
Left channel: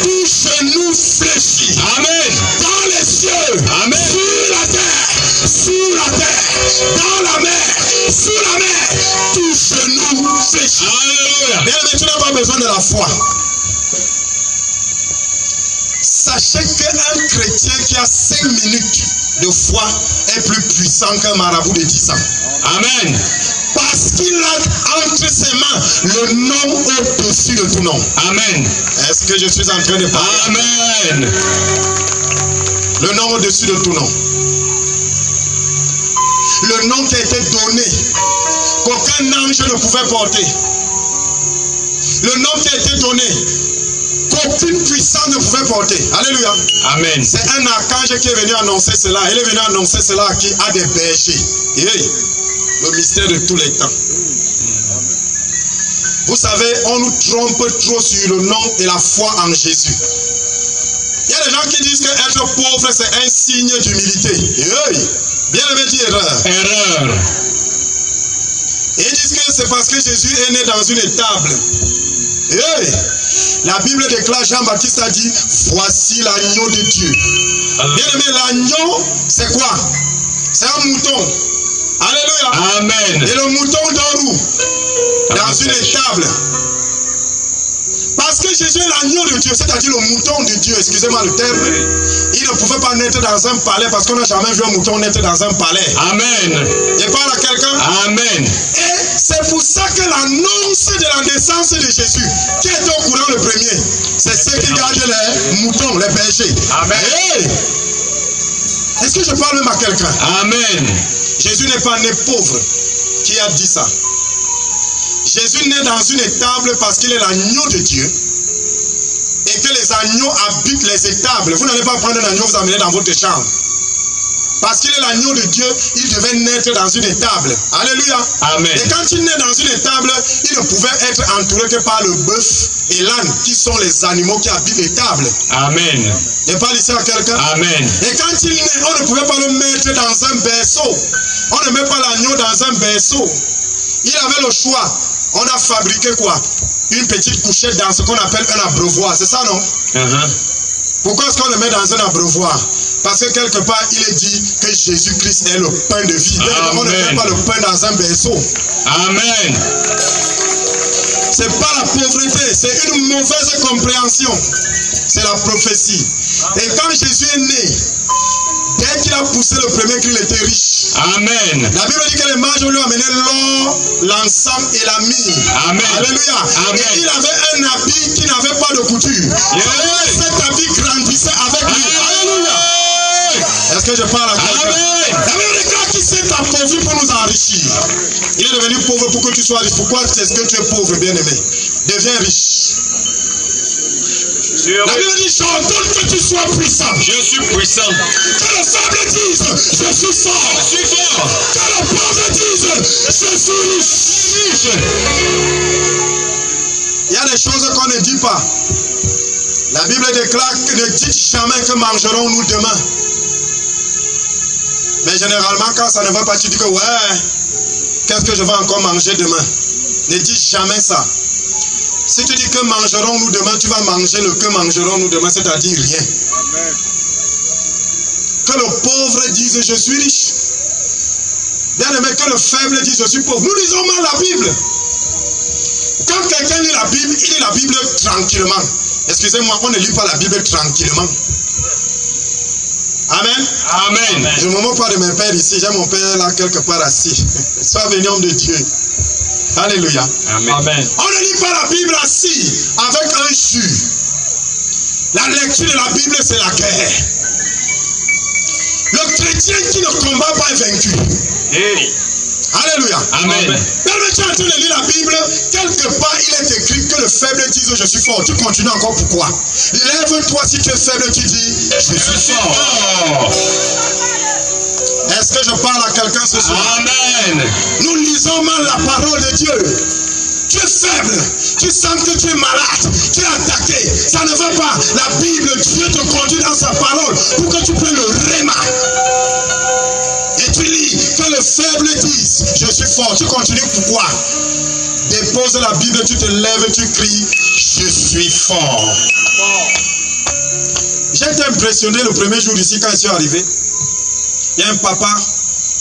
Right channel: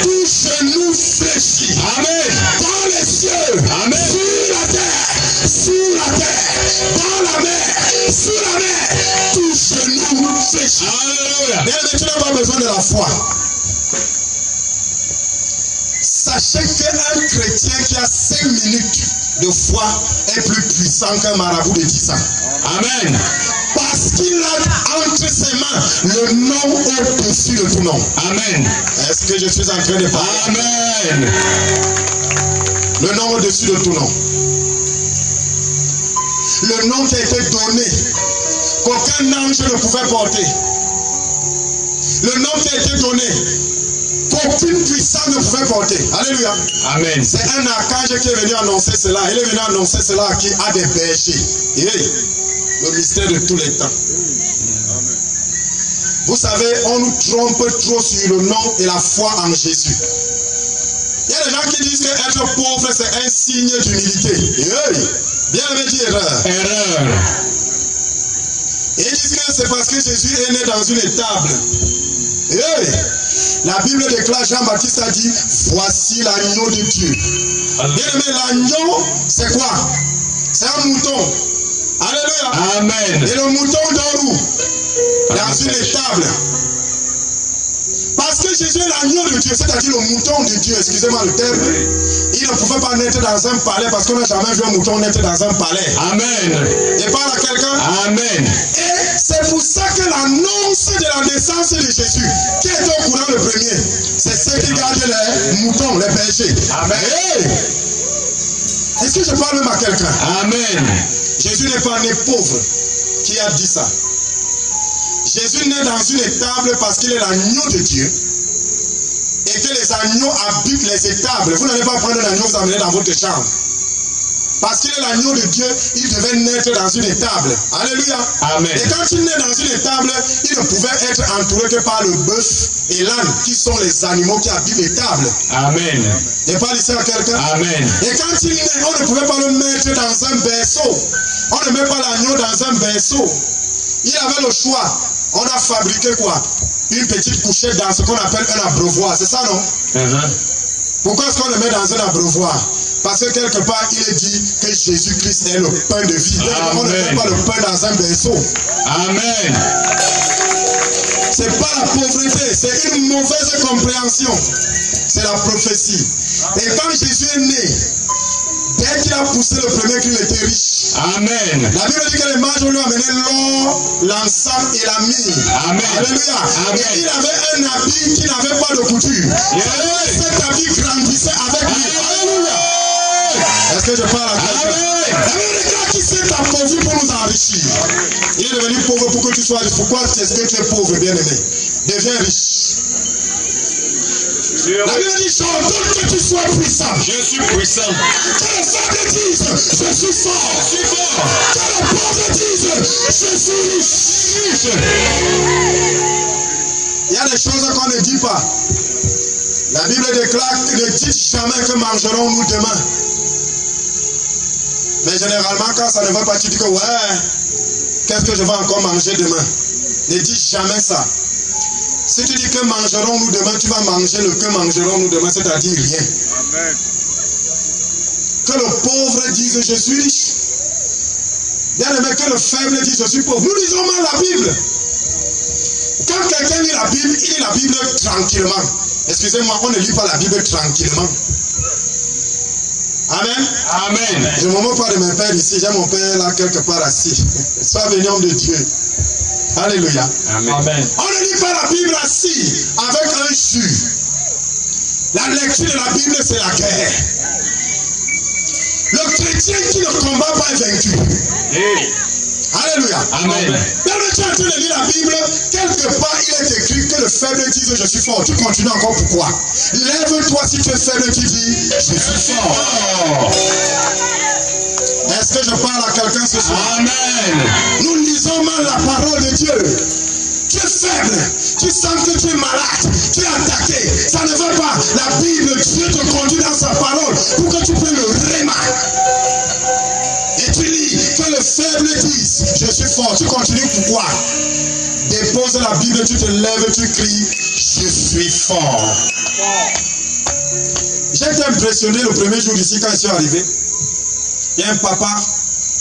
Tout genou fléchit. Amen. Dans les cieux, Amen. sur la terre, sous la terre, dans la mer, sous la mer, tout genou fléchit. Alléluia. Bien aimé, tu n'as pas besoin de la foi. Sachez qu'un chrétien qui a 5 minutes de foi est plus puissant qu'un marabout de 10 ans. Amen. Parce qu'il a entre ses mains le nom au-dessus de tout nom. Amen. Est-ce que je suis en train de parler? Amen. Le nom au-dessus de tout nom. Le nom qui a été donné, qu'aucun ange ne pouvait porter. Le nom qui a été donné, qu'aucune puissance ne pouvait porter. Alléluia. Amen. C'est un archange qui est venu annoncer cela. Il est venu annoncer cela à qui? À des bergers. Et le mystère de tous les temps. Vous savez, on nous trompe trop sur le nom et la foi en Jésus. Il y a des gens qui disent que être pauvre c'est un signe d'humilité. Bien aimé dit erreur. Erreur. Et ils disent que c'est parce que Jésus est né dans une étable. La Bible déclare, Jean-Baptiste a dit, voici l'agneau de Dieu. Bien aimé, l'agneau, c'est quoi? C'est un mouton. Alléluia. Amen. Et le mouton dort où? Dans une étable. Parce que Jésus est l'agneau de Dieu, c'est-à-dire le mouton de Dieu, excusez-moi le terme. Il ne pouvait pas naître dans un palais parce qu'on n'a jamais vu un mouton naître dans un palais. Amen. Je parle à quelqu'un. Amen. Et c'est pour ça que l'annonce de la naissance de Jésus, qui est au courant le premier, c'est ceux qui gardent les moutons, les bergers. Amen. Hey! Est-ce que je parle même à quelqu'un? Amen. Jésus n'est pas né pauvre. Qui a dit ça? Jésus naît dans une étable parce qu'il est l'agneau de Dieu et que les agneaux habitent les étables. Vous n'allez pas prendre un agneau, vous amener dans votre chambre. Parce qu'il est l'agneau de Dieu, il devait naître dans une étable. Alléluia. Amen. Et quand il naît dans une étable, il ne pouvait être entouré que par le bœuf et l'âne, qui sont les animaux qui habitent l'étable. Amen. Je parle ici à quelqu'un. Amen. Et quand il naît, on ne pouvait pas le mettre dans un berceau. On ne met pas l'agneau dans un berceau. Il avait le choix. On a fabriqué quoi? Une petite couchette dans ce qu'on appelle un abreuvoir. C'est ça, non? Pourquoi est-ce qu'on le met dans un abreuvoir? Parce que quelque part, il est dit que Jésus-Christ est le pain de vie. On ne met pas le pain dans un berceau. Amen. C'est pas la pauvreté, c'est une mauvaise compréhension. C'est la prophétie. Et quand Jésus est né, dès qu'il a poussé le premier cri, il était riche. Amen. La Bible dit que les mages lui ont amené l'or, l'encens et la myrrhe. Amen. Alléluia. Amen. Et il avait un habit qui n'avait pas de couture. Et cet habit grandissait avec lui. Alléluia. Est-ce que je parle à quelqu'un? Amen. La Bible déclare qu'il s'est appauvri pour nous enrichir. Il est devenu pauvre pour que tu sois riche. Pourquoi est-ce que tu es pauvre, bien-aimé? Deviens riche. La Bible dit, j'ordonne que tu sois puissant. Je suis puissant. Que le faible dise, je suis fort. Je suis fort. Que le pauvre dise, je suis riche. Il y a des choses qu'on ne dit pas. La Bible déclare que ne dites jamais que mangerons-nous demain. Mais généralement, quand ça ne va pas, tu dis que ouais, qu'est-ce que je vais encore manger demain? Ne dis jamais ça. Si tu dis que mangerons-nous demain, tu vas manger le que mangerons-nous demain, c'est-à-dire rien. Amen. Que le pauvre dise je suis riche. Bien aimé, que le faible dise je suis pauvre. Nous lisons mal la Bible. Quand quelqu'un lit la Bible, il lit la Bible tranquillement. Excusez-moi, on ne lit pas la Bible tranquillement. Amen. Amen. Je ne me moque pas de mon père ici. J'ai mon père là quelque part assis. Sois béni homme de Dieu. Alléluia. Amen. On ne lit pas la Bible assis avec un jus. La lecture de la Bible, c'est la guerre. Le chrétien qui ne combat pas est vaincu. Hey. Alléluia. Amen. Lorsque tu es en train de lire la Bible, quelque part il est écrit que le faible dise je suis fort. Tu continues encore pourquoi? Lève-toi si tu es faible, tu dis je suis fort. Est-ce que je parle à quelqu'un ce soir? Amen. Nous lisons mal la parole de Dieu. Tu es faible, tu sens que tu es malade, tu es attaqué, ça ne va pas. La Bible, Dieu te conduit dans sa parole pour que tu prennes le réma. Et tu lis que le faible dise je suis fort. Tu continues pourquoi? Dépose la Bible, tu te lèves, tu cries je suis fort. J'ai été impressionné le premier jour ici quand je suis arrivé. Il y a un papa,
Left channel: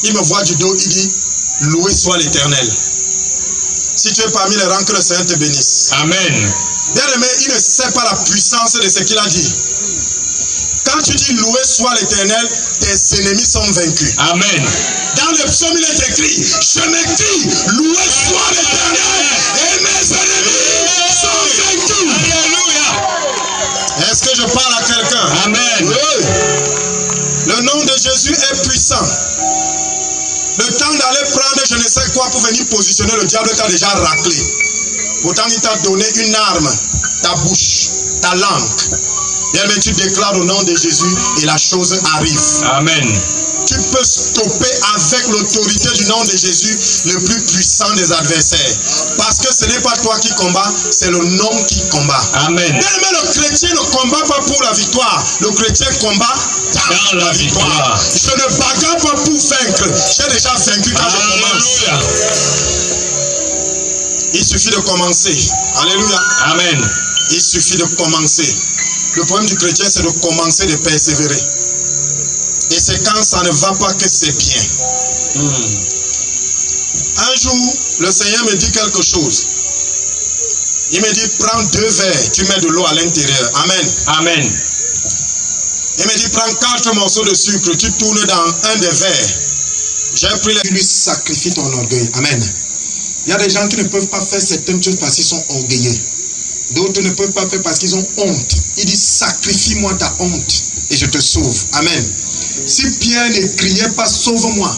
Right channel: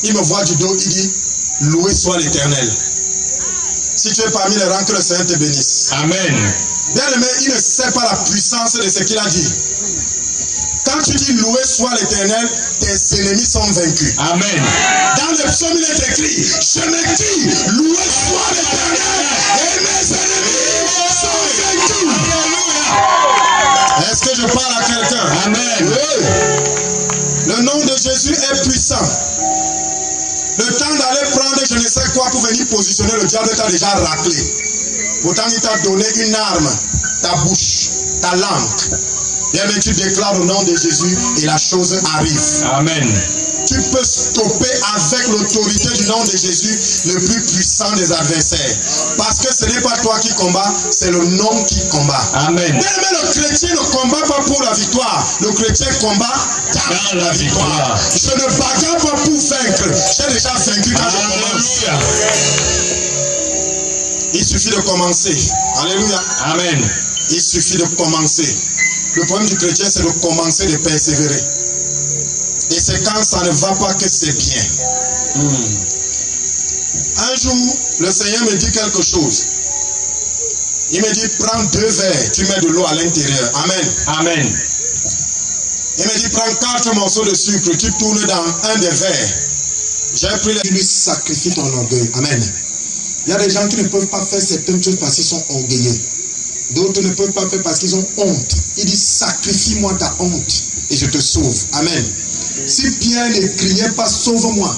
il me voit du dos, il dit loué soit l'Éternel. Si tu es parmi les rangs, que le Seigneur te bénisse. Amen. Bien aimé, il ne sait pas la puissance de ce qu'il a dit. Quand tu dis loué soit l'Éternel, tes ennemis sont vaincus. Amen. Dans le psaume, il est écrit, je me dis loué soit l'Éternel et mes ennemis sont vaincus. Alléluia. Est-ce que je parle à quelqu'un? Amen. Oui. Le nom de Jésus est puissant. Le temps d'aller prendre je ne sais quoi pour venir positionner, le diable t'a déjà raclé. Pourtant, il t'a donné une arme, ta bouche, ta langue. Bien, mais tu déclares au nom de Jésus et la chose arrive. Amen. Tu peux stopper avec l'autorité du nom de Jésus le plus puissant des adversaires. Parce que ce n'est pas toi qui combats, c'est le nom qui combat. Amen. Bien, mais le chrétien ne combat pas pour la victoire. Le chrétien combat dans la victoire. Je ne bagarre pas pour vaincre. J'ai déjà vaincu quand je commence. Il suffit de commencer. Alléluia. Amen. Il suffit de commencer. Le problème du chrétien, c'est de commencer, de persévérer. Et c'est quand ça ne va pas que c'est bien. Un jour, le Seigneur me dit quelque chose. Il me dit, prends 2 verres, tu mets de l'eau à l'intérieur. Amen. Amen. Il me dit, prends 4 morceaux de sucre, tu tournes dans un des verres. J'ai pris tu lui sacrifies ton orgueil. Amen. Il y a des gens qui ne peuvent pas faire certaines choses parce qu'ils sont orgueilleux. D'autres ne peuvent pas faire parce qu'ils ont honte. Il dit, sacrifie-moi ta honte et je te sauve. Amen. Si Pierre ne criait pas, sauve-moi,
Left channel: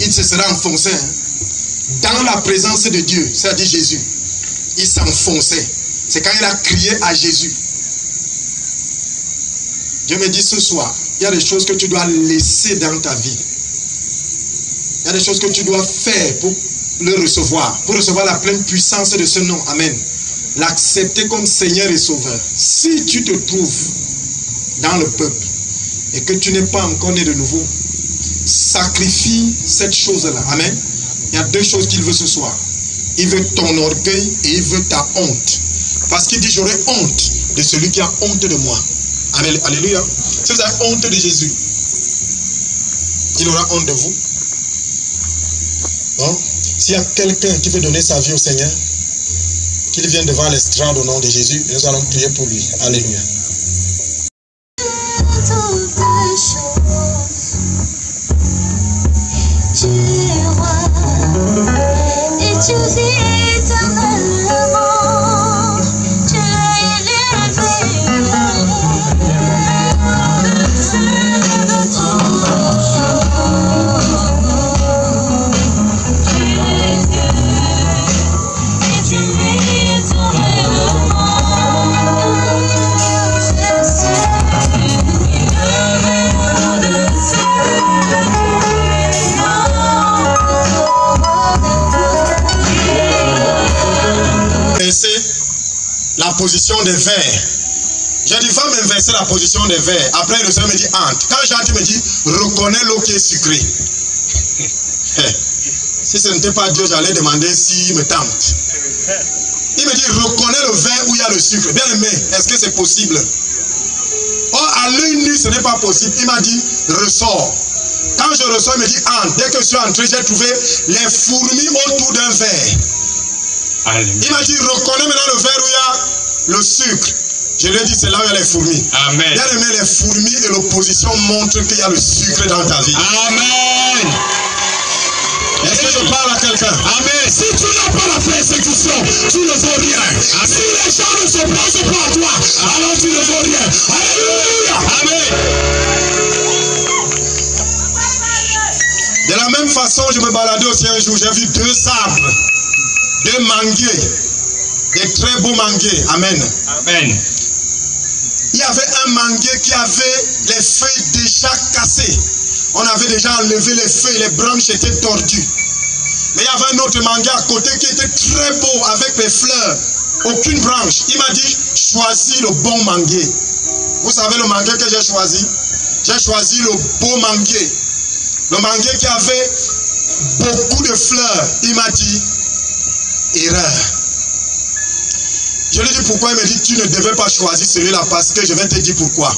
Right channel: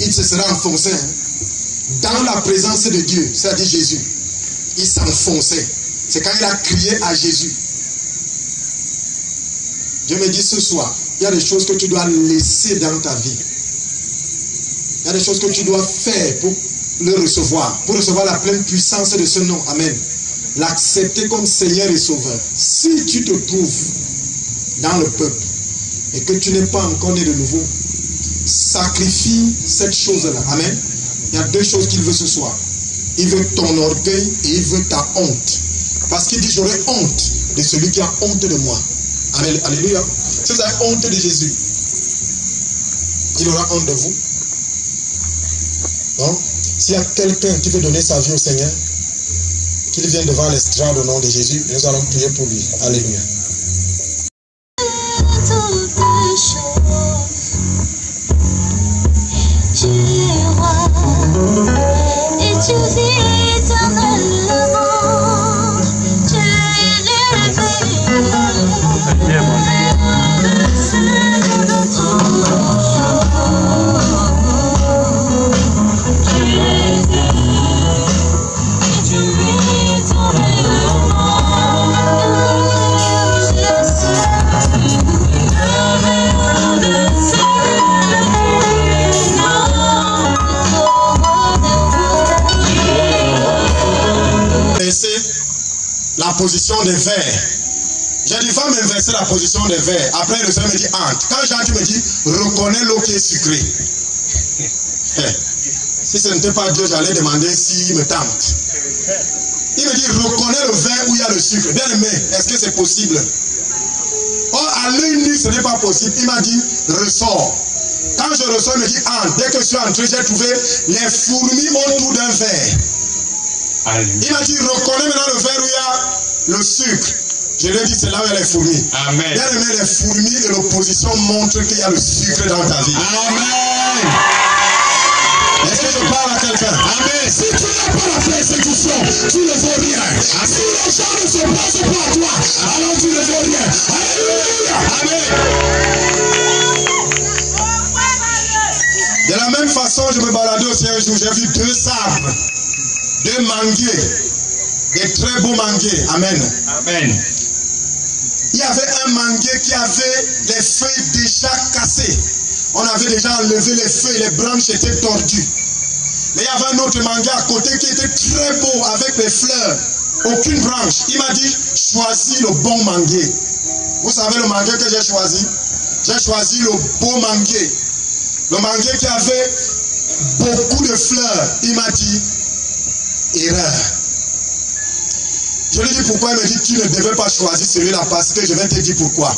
il se serait enfoncé. Dans la présence de Dieu, c'est-à-dire Jésus, il s'enfonçait. C'est quand il a crié à Jésus. Dieu me dit ce soir, il y a des choses que tu dois laisser dans ta vie. Il y a des choses que tu dois faire pour le recevoir, pour recevoir la pleine puissance de ce nom. Amen. L'accepter comme Seigneur et Sauveur. Si tu te trouves dans le peuple et que tu n'es pas encore né de nouveau, sacrifie cette chose-là. Amen. Il y a 2 choses qu'il veut ce soir. Il veut ton orgueil et il veut ta honte. Parce qu'il dit, j'aurai honte de celui qui a honte de moi. Amen. Alléluia. Si vous avez honte de Jésus, il aura honte de vous. Bon. S'il y a quelqu'un qui veut donner sa vie au Seigneur, qu'il vienne devant l'estrade au nom de Jésus, et nous allons prier pour lui. Alléluia. Tu es roi et tu vis éternellement. Tu es la position des vers. J'ai dit, va m'inverser la position des vers. Après, le Seigneur me dit, entre. Quand j'entre, il me dit, reconnais l'eau qui est sucrée. Si ce n'était pas Dieu, j'allais demander s'il me tente. Il me dit, reconnais le verre où il y a le sucre. Bien aimé, est-ce que c'est possible? Or, à l'œil nu, ce n'est pas possible. Il m'a dit, ressors. Quand je ressors, il me dit, entre. Dès que je suis entré, j'ai trouvé les fourmis autour d'un verre. Alléluia. Il m'a dit, reconnais maintenant le verre où il y a le sucre. Je lui ai dit, c'est là où il y a les fourmis. Amen. Bien aimé, les fourmis et l'opposition montrent qu'il y a le sucre dans ta vie. Amen. Est-ce que je parle à quelqu'un? Amen. Si tu n'as pas la persécution, tu ne vaux rien. Si les gens ne se passent pas à toi, alors tu ne vaux rien. Alléluia. Amen. Boisson, je me baladais aussi un jour, j'ai vu 2 arbres, 2 manguiers, des très beaux manguiers. Amen. Amen. Il y avait un manguier qui avait les feuilles déjà cassées. On avait déjà enlevé les feuilles, les branches étaient tordues. Mais il y avait un autre manguier à côté qui était très beau avec les fleurs. Aucune branche. Il m'a dit, choisis le bon manguier. Vous savez le manguier que j'ai choisi? J'ai choisi le beau manguier. Le manguier qui avait beaucoup de fleurs. Il m'a dit, erreur. Je lui ai dit pourquoi. Il me dit, tu ne devais pas choisir celui-là parce que je vais te dire pourquoi.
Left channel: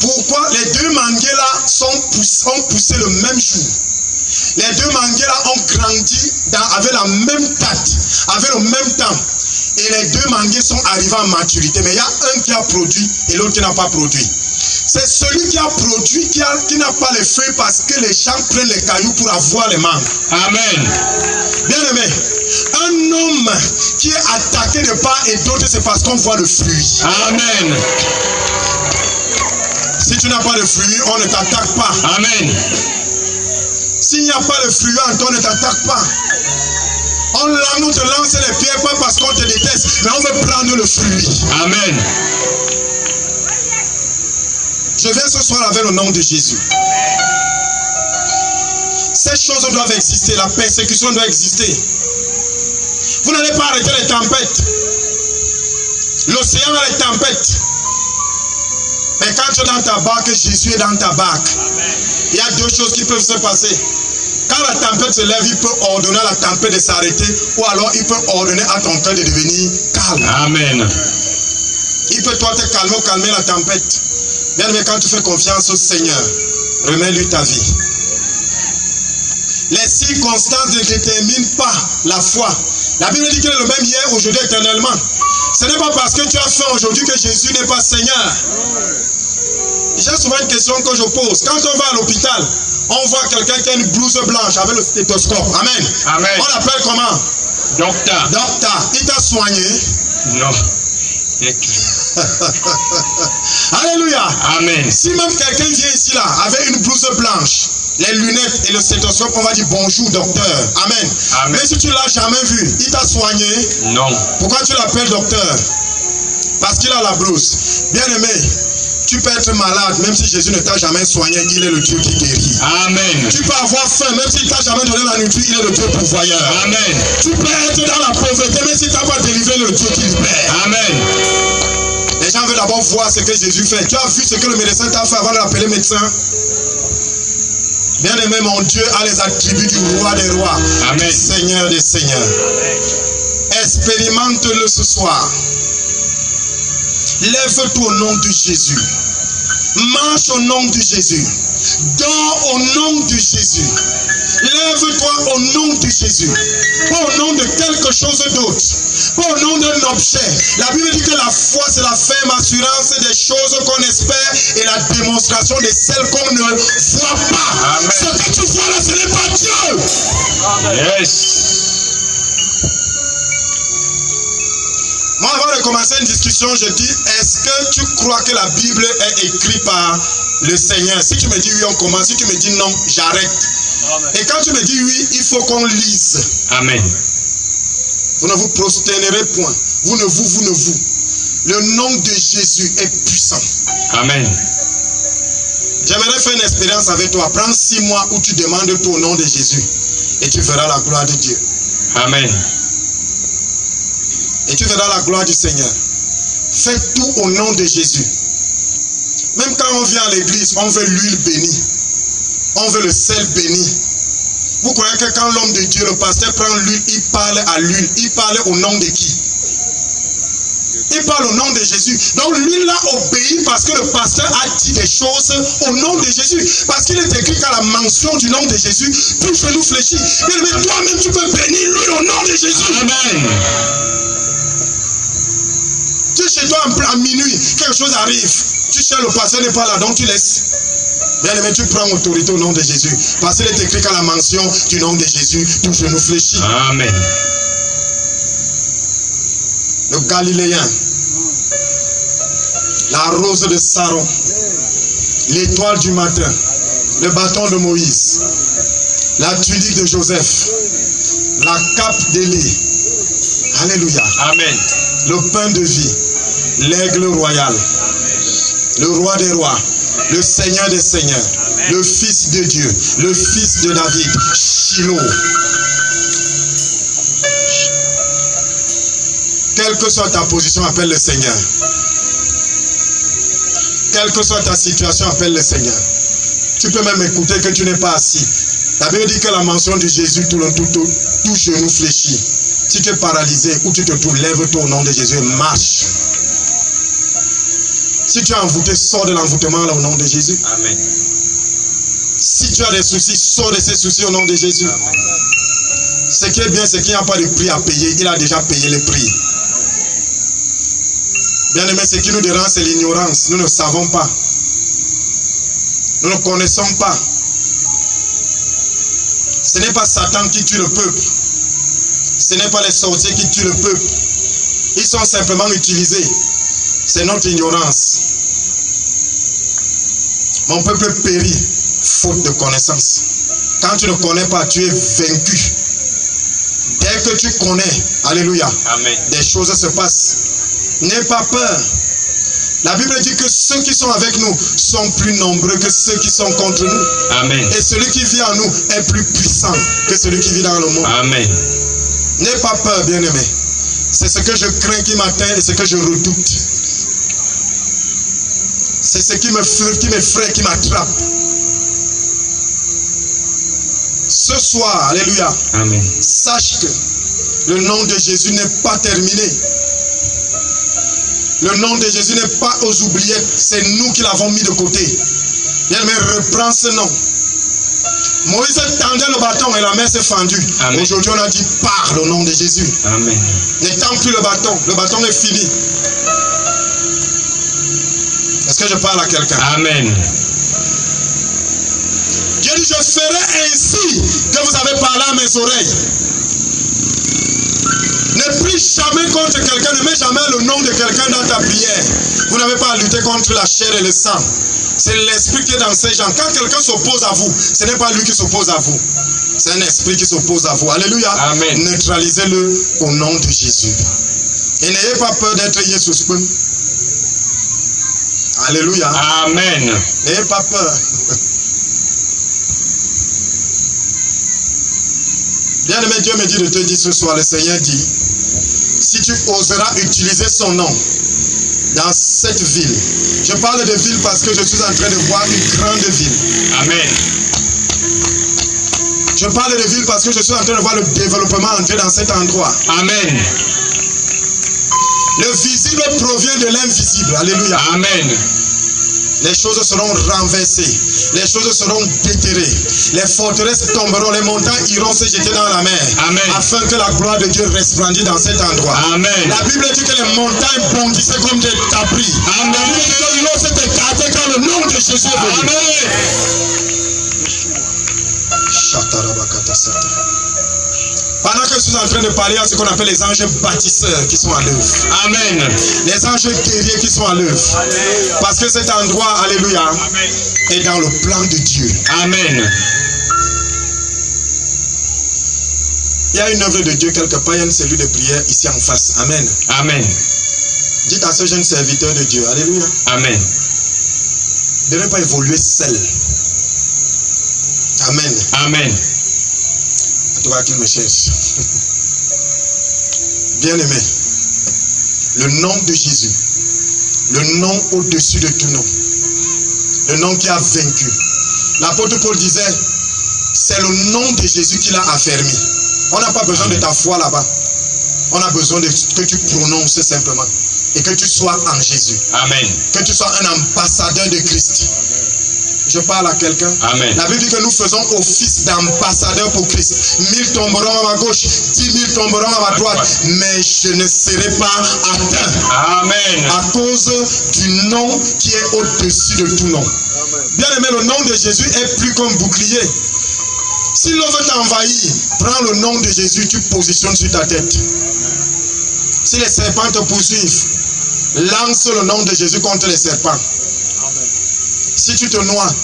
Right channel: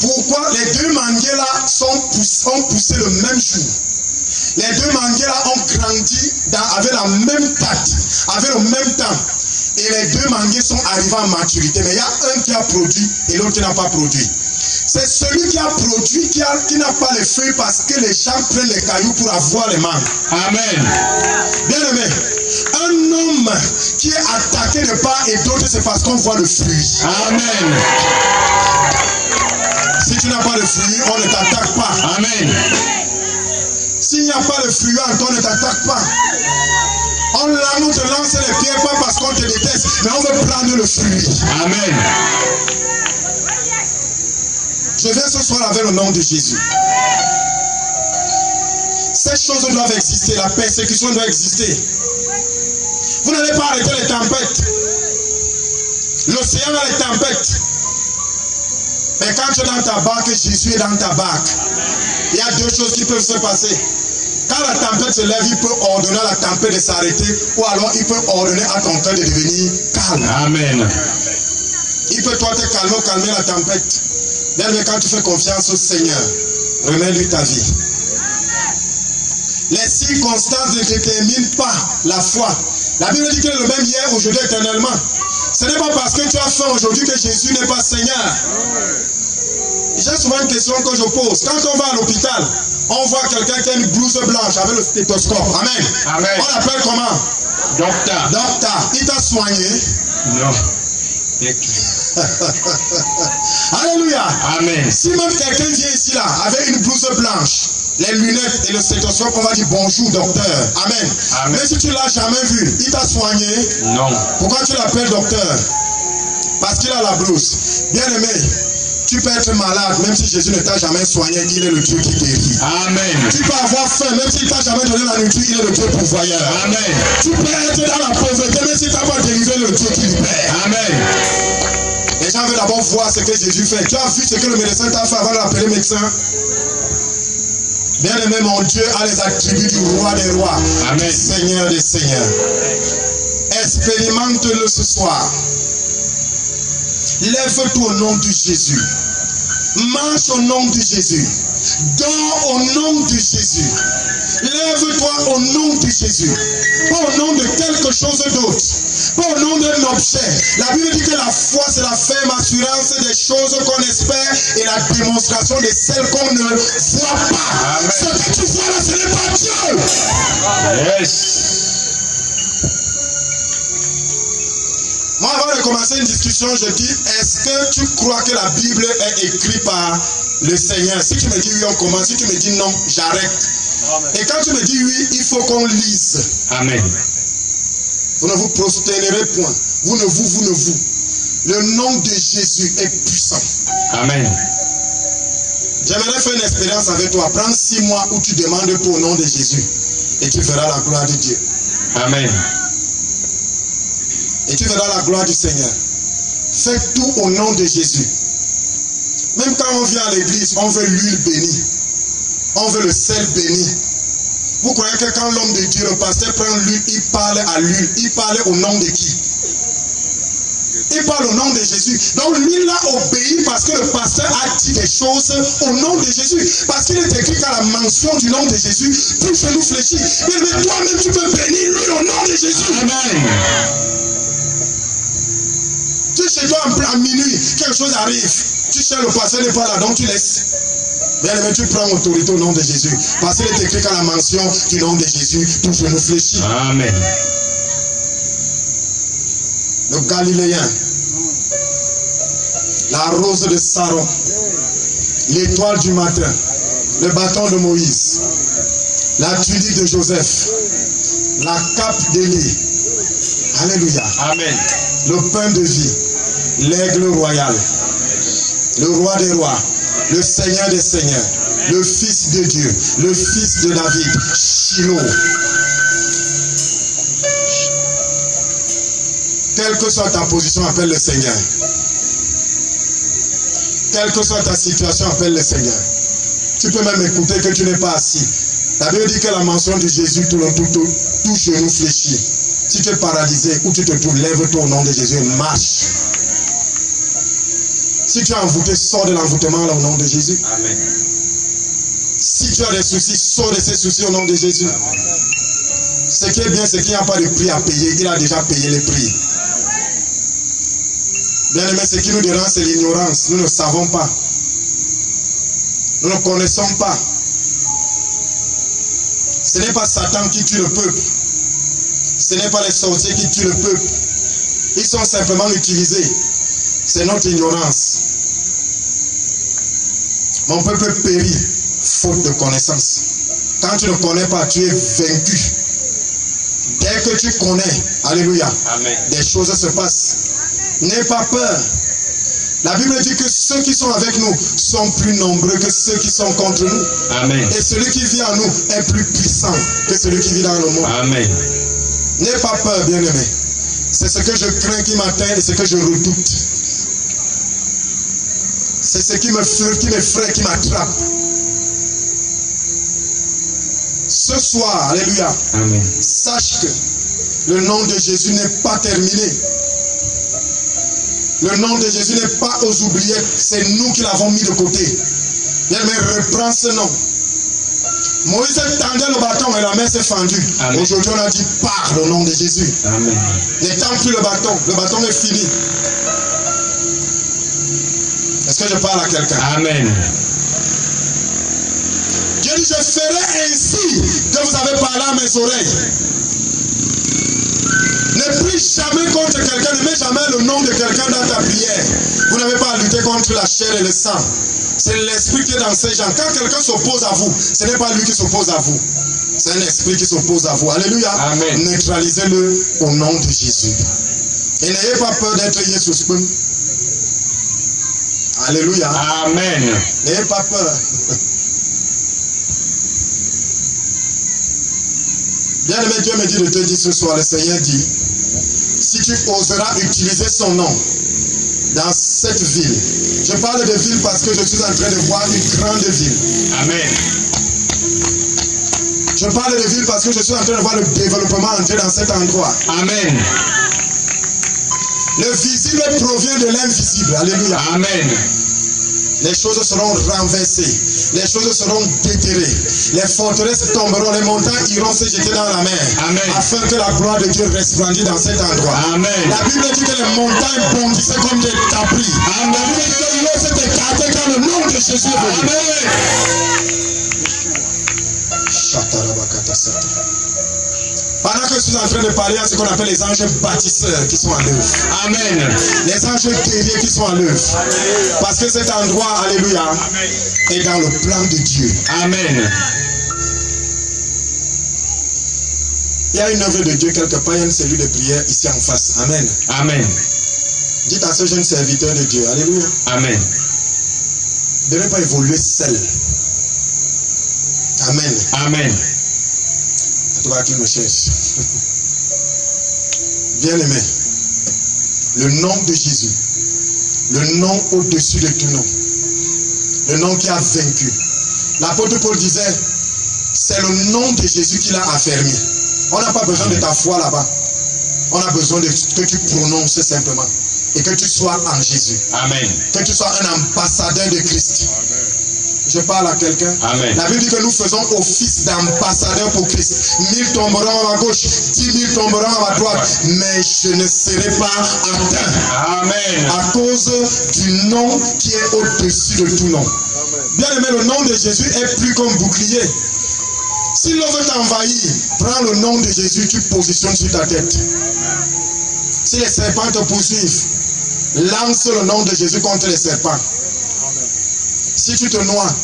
Pourquoi les 2 manguiers là ont poussé le même jour. Les 2 manguiers là ont grandi avec la même date, avec le même temps. Et les 2 manguiers sont arrivés en maturité. Mais il y a un qui a produit et l'autre qui n'a pas produit. C'est celui qui a produit qui n'a pas les feuilles parce que les gens prennent les cailloux pour avoir les mangues. Amen. Bien aimé, un homme qui est attaqué de part et d'autre, c'est parce qu'on voit le fruit. Amen. Si tu n'as pas de fruit, on ne t'attaque pas. Amen. S'il n'y a pas de fruit, on ne t'attaque pas. On te lance les pierres pas parce qu'on te déteste, mais on veut prendre le fruit. Amen. Je viens ce soir avec le nom de Jésus. Ces choses doivent exister, la persécution doit exister. Vous n'allez pas arrêter les tempêtes. L'océan a les tempêtes. Mais quand tu es dans ta barque, Jésus est dans ta barque. Il y a 2 choses qui peuvent se passer. Quand la tempête se lève, il peut ordonner à la tempête de s'arrêter, ou alors il peut ordonner à ton cœur de devenir calme. Amen. Il peut toi te calmer ou calmer la tempête. Bien, mais quand tu fais confiance au Seigneur, remets-lui ta vie. Les circonstances ne déterminent pas la foi. La Bible dit qu'il est le même hier, aujourd'hui, éternellement. Ce n'est pas parce que tu as faim aujourd'hui que Jésus n'est pas Seigneur. J'ai souvent une question que je pose. Quand on va à l'hôpital, on voit quelqu'un qui a une blouse blanche avec le stéthoscope. Amen. Amen. On l'appelle comment? Docteur. Docteur. Il t'a soigné? Non. Alléluia. Amen. Si même quelqu'un vient ici là avec une blouse blanche, les lunettes et le stéthoscope, on va dire bonjour docteur. Amen. Amen. Mais si tu ne l'as jamais vu, il t'a soigné? Non. Pourquoi tu l'appelles docteur? Parce qu'il a la blouse. Bien aimé, tu peux être malade, même si Jésus ne t'a jamais soigné, il est le Dieu qui guérit. Amen. Tu peux avoir faim, même s'il ne t'a jamais donné la nourriture, il est le Dieu pourvoyeur. Amen. Tu peux être dans la pauvreté, même s'il ne t'a pas délivré, le Dieu qui libère. Amen. Les gens veulent d'abord voir ce que Jésus fait. Tu as vu ce que le médecin t'a fait avant de l'appeler médecin? Bien aimé, mon Dieu a les attributs du roi des rois. Amen. Du Seigneur des seigneurs. Expérimente-le ce soir. Lève-toi au nom de Jésus. Marche au nom de Jésus. Dors au nom de Jésus. Lève-toi au nom de Jésus. Pas au nom de quelque chose d'autre. Pas au nom d'un objet. La Bible dit que la foi, c'est la ferme assurance des choses qu'on espère et la démonstration de celles qu'on ne voit pas. Amen. Ce que tu vois là, ce n'est pas Dieu. Yes. Moi, avant de commencer une discussion, je dis, est-ce que tu crois que la Bible est écrite par le Seigneur? Si tu me dis oui, on commence. Si tu me dis non, j'arrête. Et quand tu me dis oui, il faut qu'on lise. Amen. Vous ne vous prosternerez point. Vous ne vous. Le nom de Jésus est puissant. Amen. J'aimerais faire une expérience avec toi. Prends 6 mois où tu demandes tout au nom de Jésus. Et tu verras la gloire de Dieu. Amen. Et tu verras la gloire du Seigneur. Fais tout au nom de Jésus. Même quand on vient à l'église, on veut l'huile bénie. On veut le sel béni. Vous croyez que quand l'homme de Dieu, le pasteur prend l'huile, il parle à l'huile. Il parle au nom de qui? Il parle au nom de Jésus. Donc l'huile là obéit parce que le pasteur a dit des choses au nom de Jésus. Parce qu'il est écrit qu'à la mention du nom de Jésus, tout genou fléchit. Mais toi-même tu peux bénir l'huile au nom de Jésus. Amen. Tu es chez toi à minuit, quelque chose arrive. Tu sais le pasteur n'est pas là, donc tu laisses. Bien aimé, tu prends autorité au nom de Jésus. Parce qu'il est écrit qu'à la mention du nom de Jésus, tout genou fléchit. Amen. Le Galiléen, la rose de Saron, l'étoile du matin, le bâton de Moïse. la tunique de Joseph, la cape d'Élie. Alléluia. Amen. Le pain de vie, l'aigle royal, le roi des rois, le Seigneur des seigneurs, le Fils de Dieu, le Fils de David, Shiloh. Quelle que soit ta position, appelle le Seigneur. Quelle que soit ta situation, appelle le Seigneur. Tu peux même écouter que tu n'es pas assis. La Bible dit que la mention de Jésus, tout genou fléchit. Si tu es paralysé ou tu te trouves, lève-toi au nom de Jésus et marche. Si tu es envoûté, sors de l'envoûtement là au nom de Jésus. Amen. Si tu as des soucis, sors de ces soucis au nom de Jésus. Amen. Ce qui est bien, c'est qu'il n'y a pas de prix à payer. Il a déjà payé le prix. Bien aimé, ce qui nous dérange, c'est l'ignorance. Nous ne savons pas. Nous ne connaissons pas. Ce n'est pas Satan qui tue le peuple. Ce n'est pas les sorciers qui tuent le peuple. Ils sont simplement utilisés. C'est notre ignorance. Mon peuple périt faute de connaissance. Quand tu ne connais pas, tu es vaincu. Dès que tu connais, alléluia, Amen. Des choses se passent. N'aie pas peur. La Bible dit que ceux qui sont avec nous sont plus nombreux que ceux qui sont contre nous. Amen. Et celui qui vit en nous est plus puissant que celui qui vit dans le monde. Amen. N'aie pas peur, bien-aimé. C'est ce que je crains qui m'atteint et ce que je redoute. C'est ce qui m'effraie, qui m'attrape. Ce soir, alléluia, Amen. Sache que le nom de Jésus n'est pas terminé. Le nom de Jésus n'est pas aux oubliettes. C'est nous qui l'avons mis de côté. Bien-aimé, reprends ce nom. Moïse tendait le bâton et la main s'est fendue. Aujourd'hui, on a dit parle au nom de Jésus. Amen. N'étends plus le bâton est fini. Est-ce que je parle à quelqu'un? Amen. Dieu dit, je ferai ainsi que vous avez parlé à mes oreilles. Ne prie jamais contre quelqu'un, ne mets jamais le nom de quelqu'un dans ta prière. Vous n'avez pas à lutter contre la chair et le sang. C'est l'esprit qui est dans ces gens. Quand quelqu'un s'oppose à vous, ce n'est pas lui qui s'oppose à vous. C'est un esprit qui s'oppose à vous. Alléluia. Amen. Neutralisez-le au nom de Jésus. Et n'ayez pas peur d'être Jésus. Alléluia. Amen. N'ayez pas peur. Bien aimé, Dieu me dit de te dire ce soir, le Seigneur dit, si tu oseras utiliser son nom dans cette ville. Je parle de ville parce que je suis en train de voir une grande ville. Amen. Je parle de ville parce que je suis en train de voir le développement entrer dans cet endroit. Amen. Le visible provient de l'invisible. Alléluia. Amen. Les choses seront renversées. Les choses seront déterrées. Les forteresses tomberont. Les montagnes iront se jeter dans la mer. Amen. Afin que la gloire de Dieu resplendisse dans cet endroit. Amen. La Bible dit que les montagnes bondissaient comme des tapis. Amen. La Bible dit que l'eau s'est écartée quand le nom de Jésus est venu. Pendant que je suis en train de parler à ce qu'on appelle les anges bâtisseurs qui sont à l'œuvre. Amen. Les anges guerriers qui sont à l'œuvre. Parce que cet endroit, alléluia, est dans le plan de Dieu. Amen. Il y a une œuvre de Dieu quelque part, il y a une cellule de prière ici en face. Amen. Amen. Dites à ce jeune serviteur de Dieu, alléluia, Amen. de ne pas évoluer seul. Amen. Amen. En tout cas, qu'il me cherche. Bien aimé, le nom de Jésus, le nom au-dessus de tout nom, le nom qui a vaincu. L'apôtre Paul disait, c'est le nom de Jésus qui l'a affermi. On n'a pas besoin de ta foi là-bas. On a besoin de que tu prononces simplement. Et que tu sois en Jésus. Amen. Que tu sois un ambassadeur de Christ. Je parle à quelqu'un. Amen. La Bible dit que nous faisons office d'ambassadeur pour Christ. 1000 tomberont à ma gauche, 10 000 tomberont à ma droite, mais je ne serai pas atteint. Amen. À cause du nom qui est au-dessus de tout nom. Bien aimé, le nom de Jésus est plus qu'un bouclier. Si l'on veut t'envahir, prends le nom de Jésus, tu positionnes sur ta tête. Si les serpents te poursuivent, lance le nom de Jésus contre les serpents. Si tu te noies,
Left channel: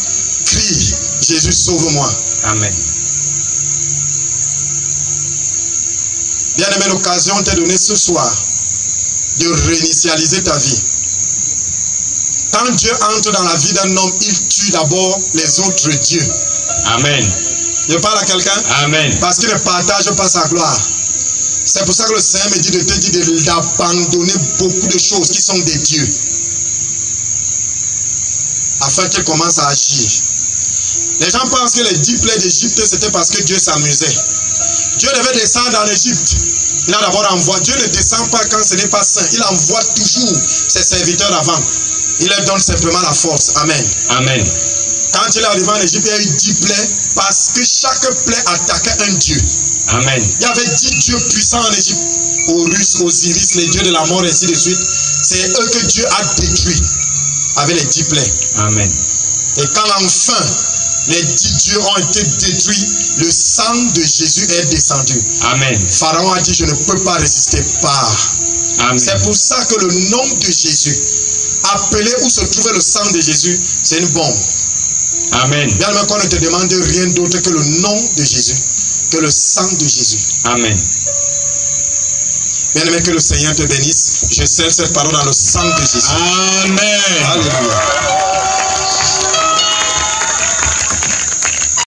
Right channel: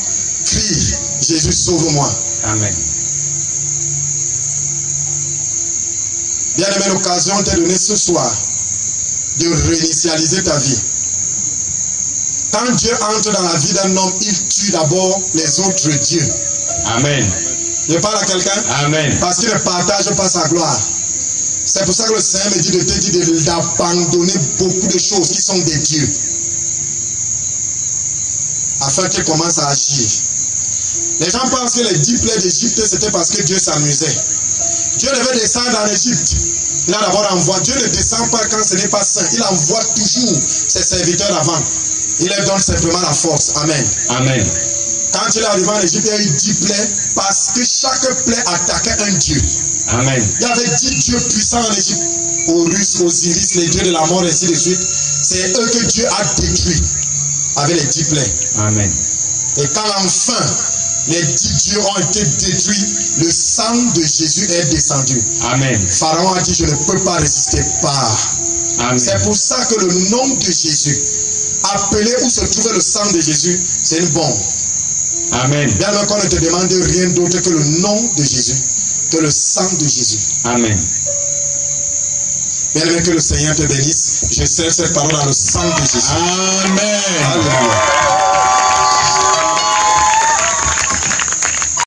crie, Jésus sauve-moi. Amen. Bien aimé, l'occasion t'est donnée ce soir de réinitialiser ta vie. Quand Dieu entre dans la vie d'un homme, il tue d'abord les autres dieux. Amen. Je parle à quelqu'un? Amen. Parce qu'il ne partage pas sa gloire. C'est pour ça que le Seigneur me dit de te dire d'abandonner beaucoup de choses qui sont des dieux. Afin qu'il commence à agir. Les gens pensent que les 10 plaies d'Égypte, c'était parce que Dieu s'amusait. Dieu devait descendre en Égypte. Il a d'abord envoyé. Dieu ne descend pas quand ce n'est pas saint. Il envoie toujours ses serviteurs avant. Il leur donne simplement la force. Amen. Amen. Quand il est arrivé en Égypte, il y a eu 10 plaies parce que chaque plaie attaquait un dieu. Amen. Il y avait 10 dieux puissants en Égypte. Horus, Osiris, les dieux de la mort, ainsi de suite. C'est eux que Dieu a détruits avec les 10 plaies. Amen. Et quand enfin les 10 dieux ont été détruits, le sang de Jésus est descendu. Amen. Pharaon a dit, je ne peux pas résister. Pas. Amen. C'est pour ça que le nom de Jésus, appelé où se trouvait le sang de Jésus, c'est une bombe. Amen. Bien même qu'on ne te demande rien d'autre que le nom de Jésus, que le sang de Jésus. Amen. Bien aimé, que le Seigneur te bénisse. Je scelle cette parole dans le sang de Jésus. Amen. Alléluia.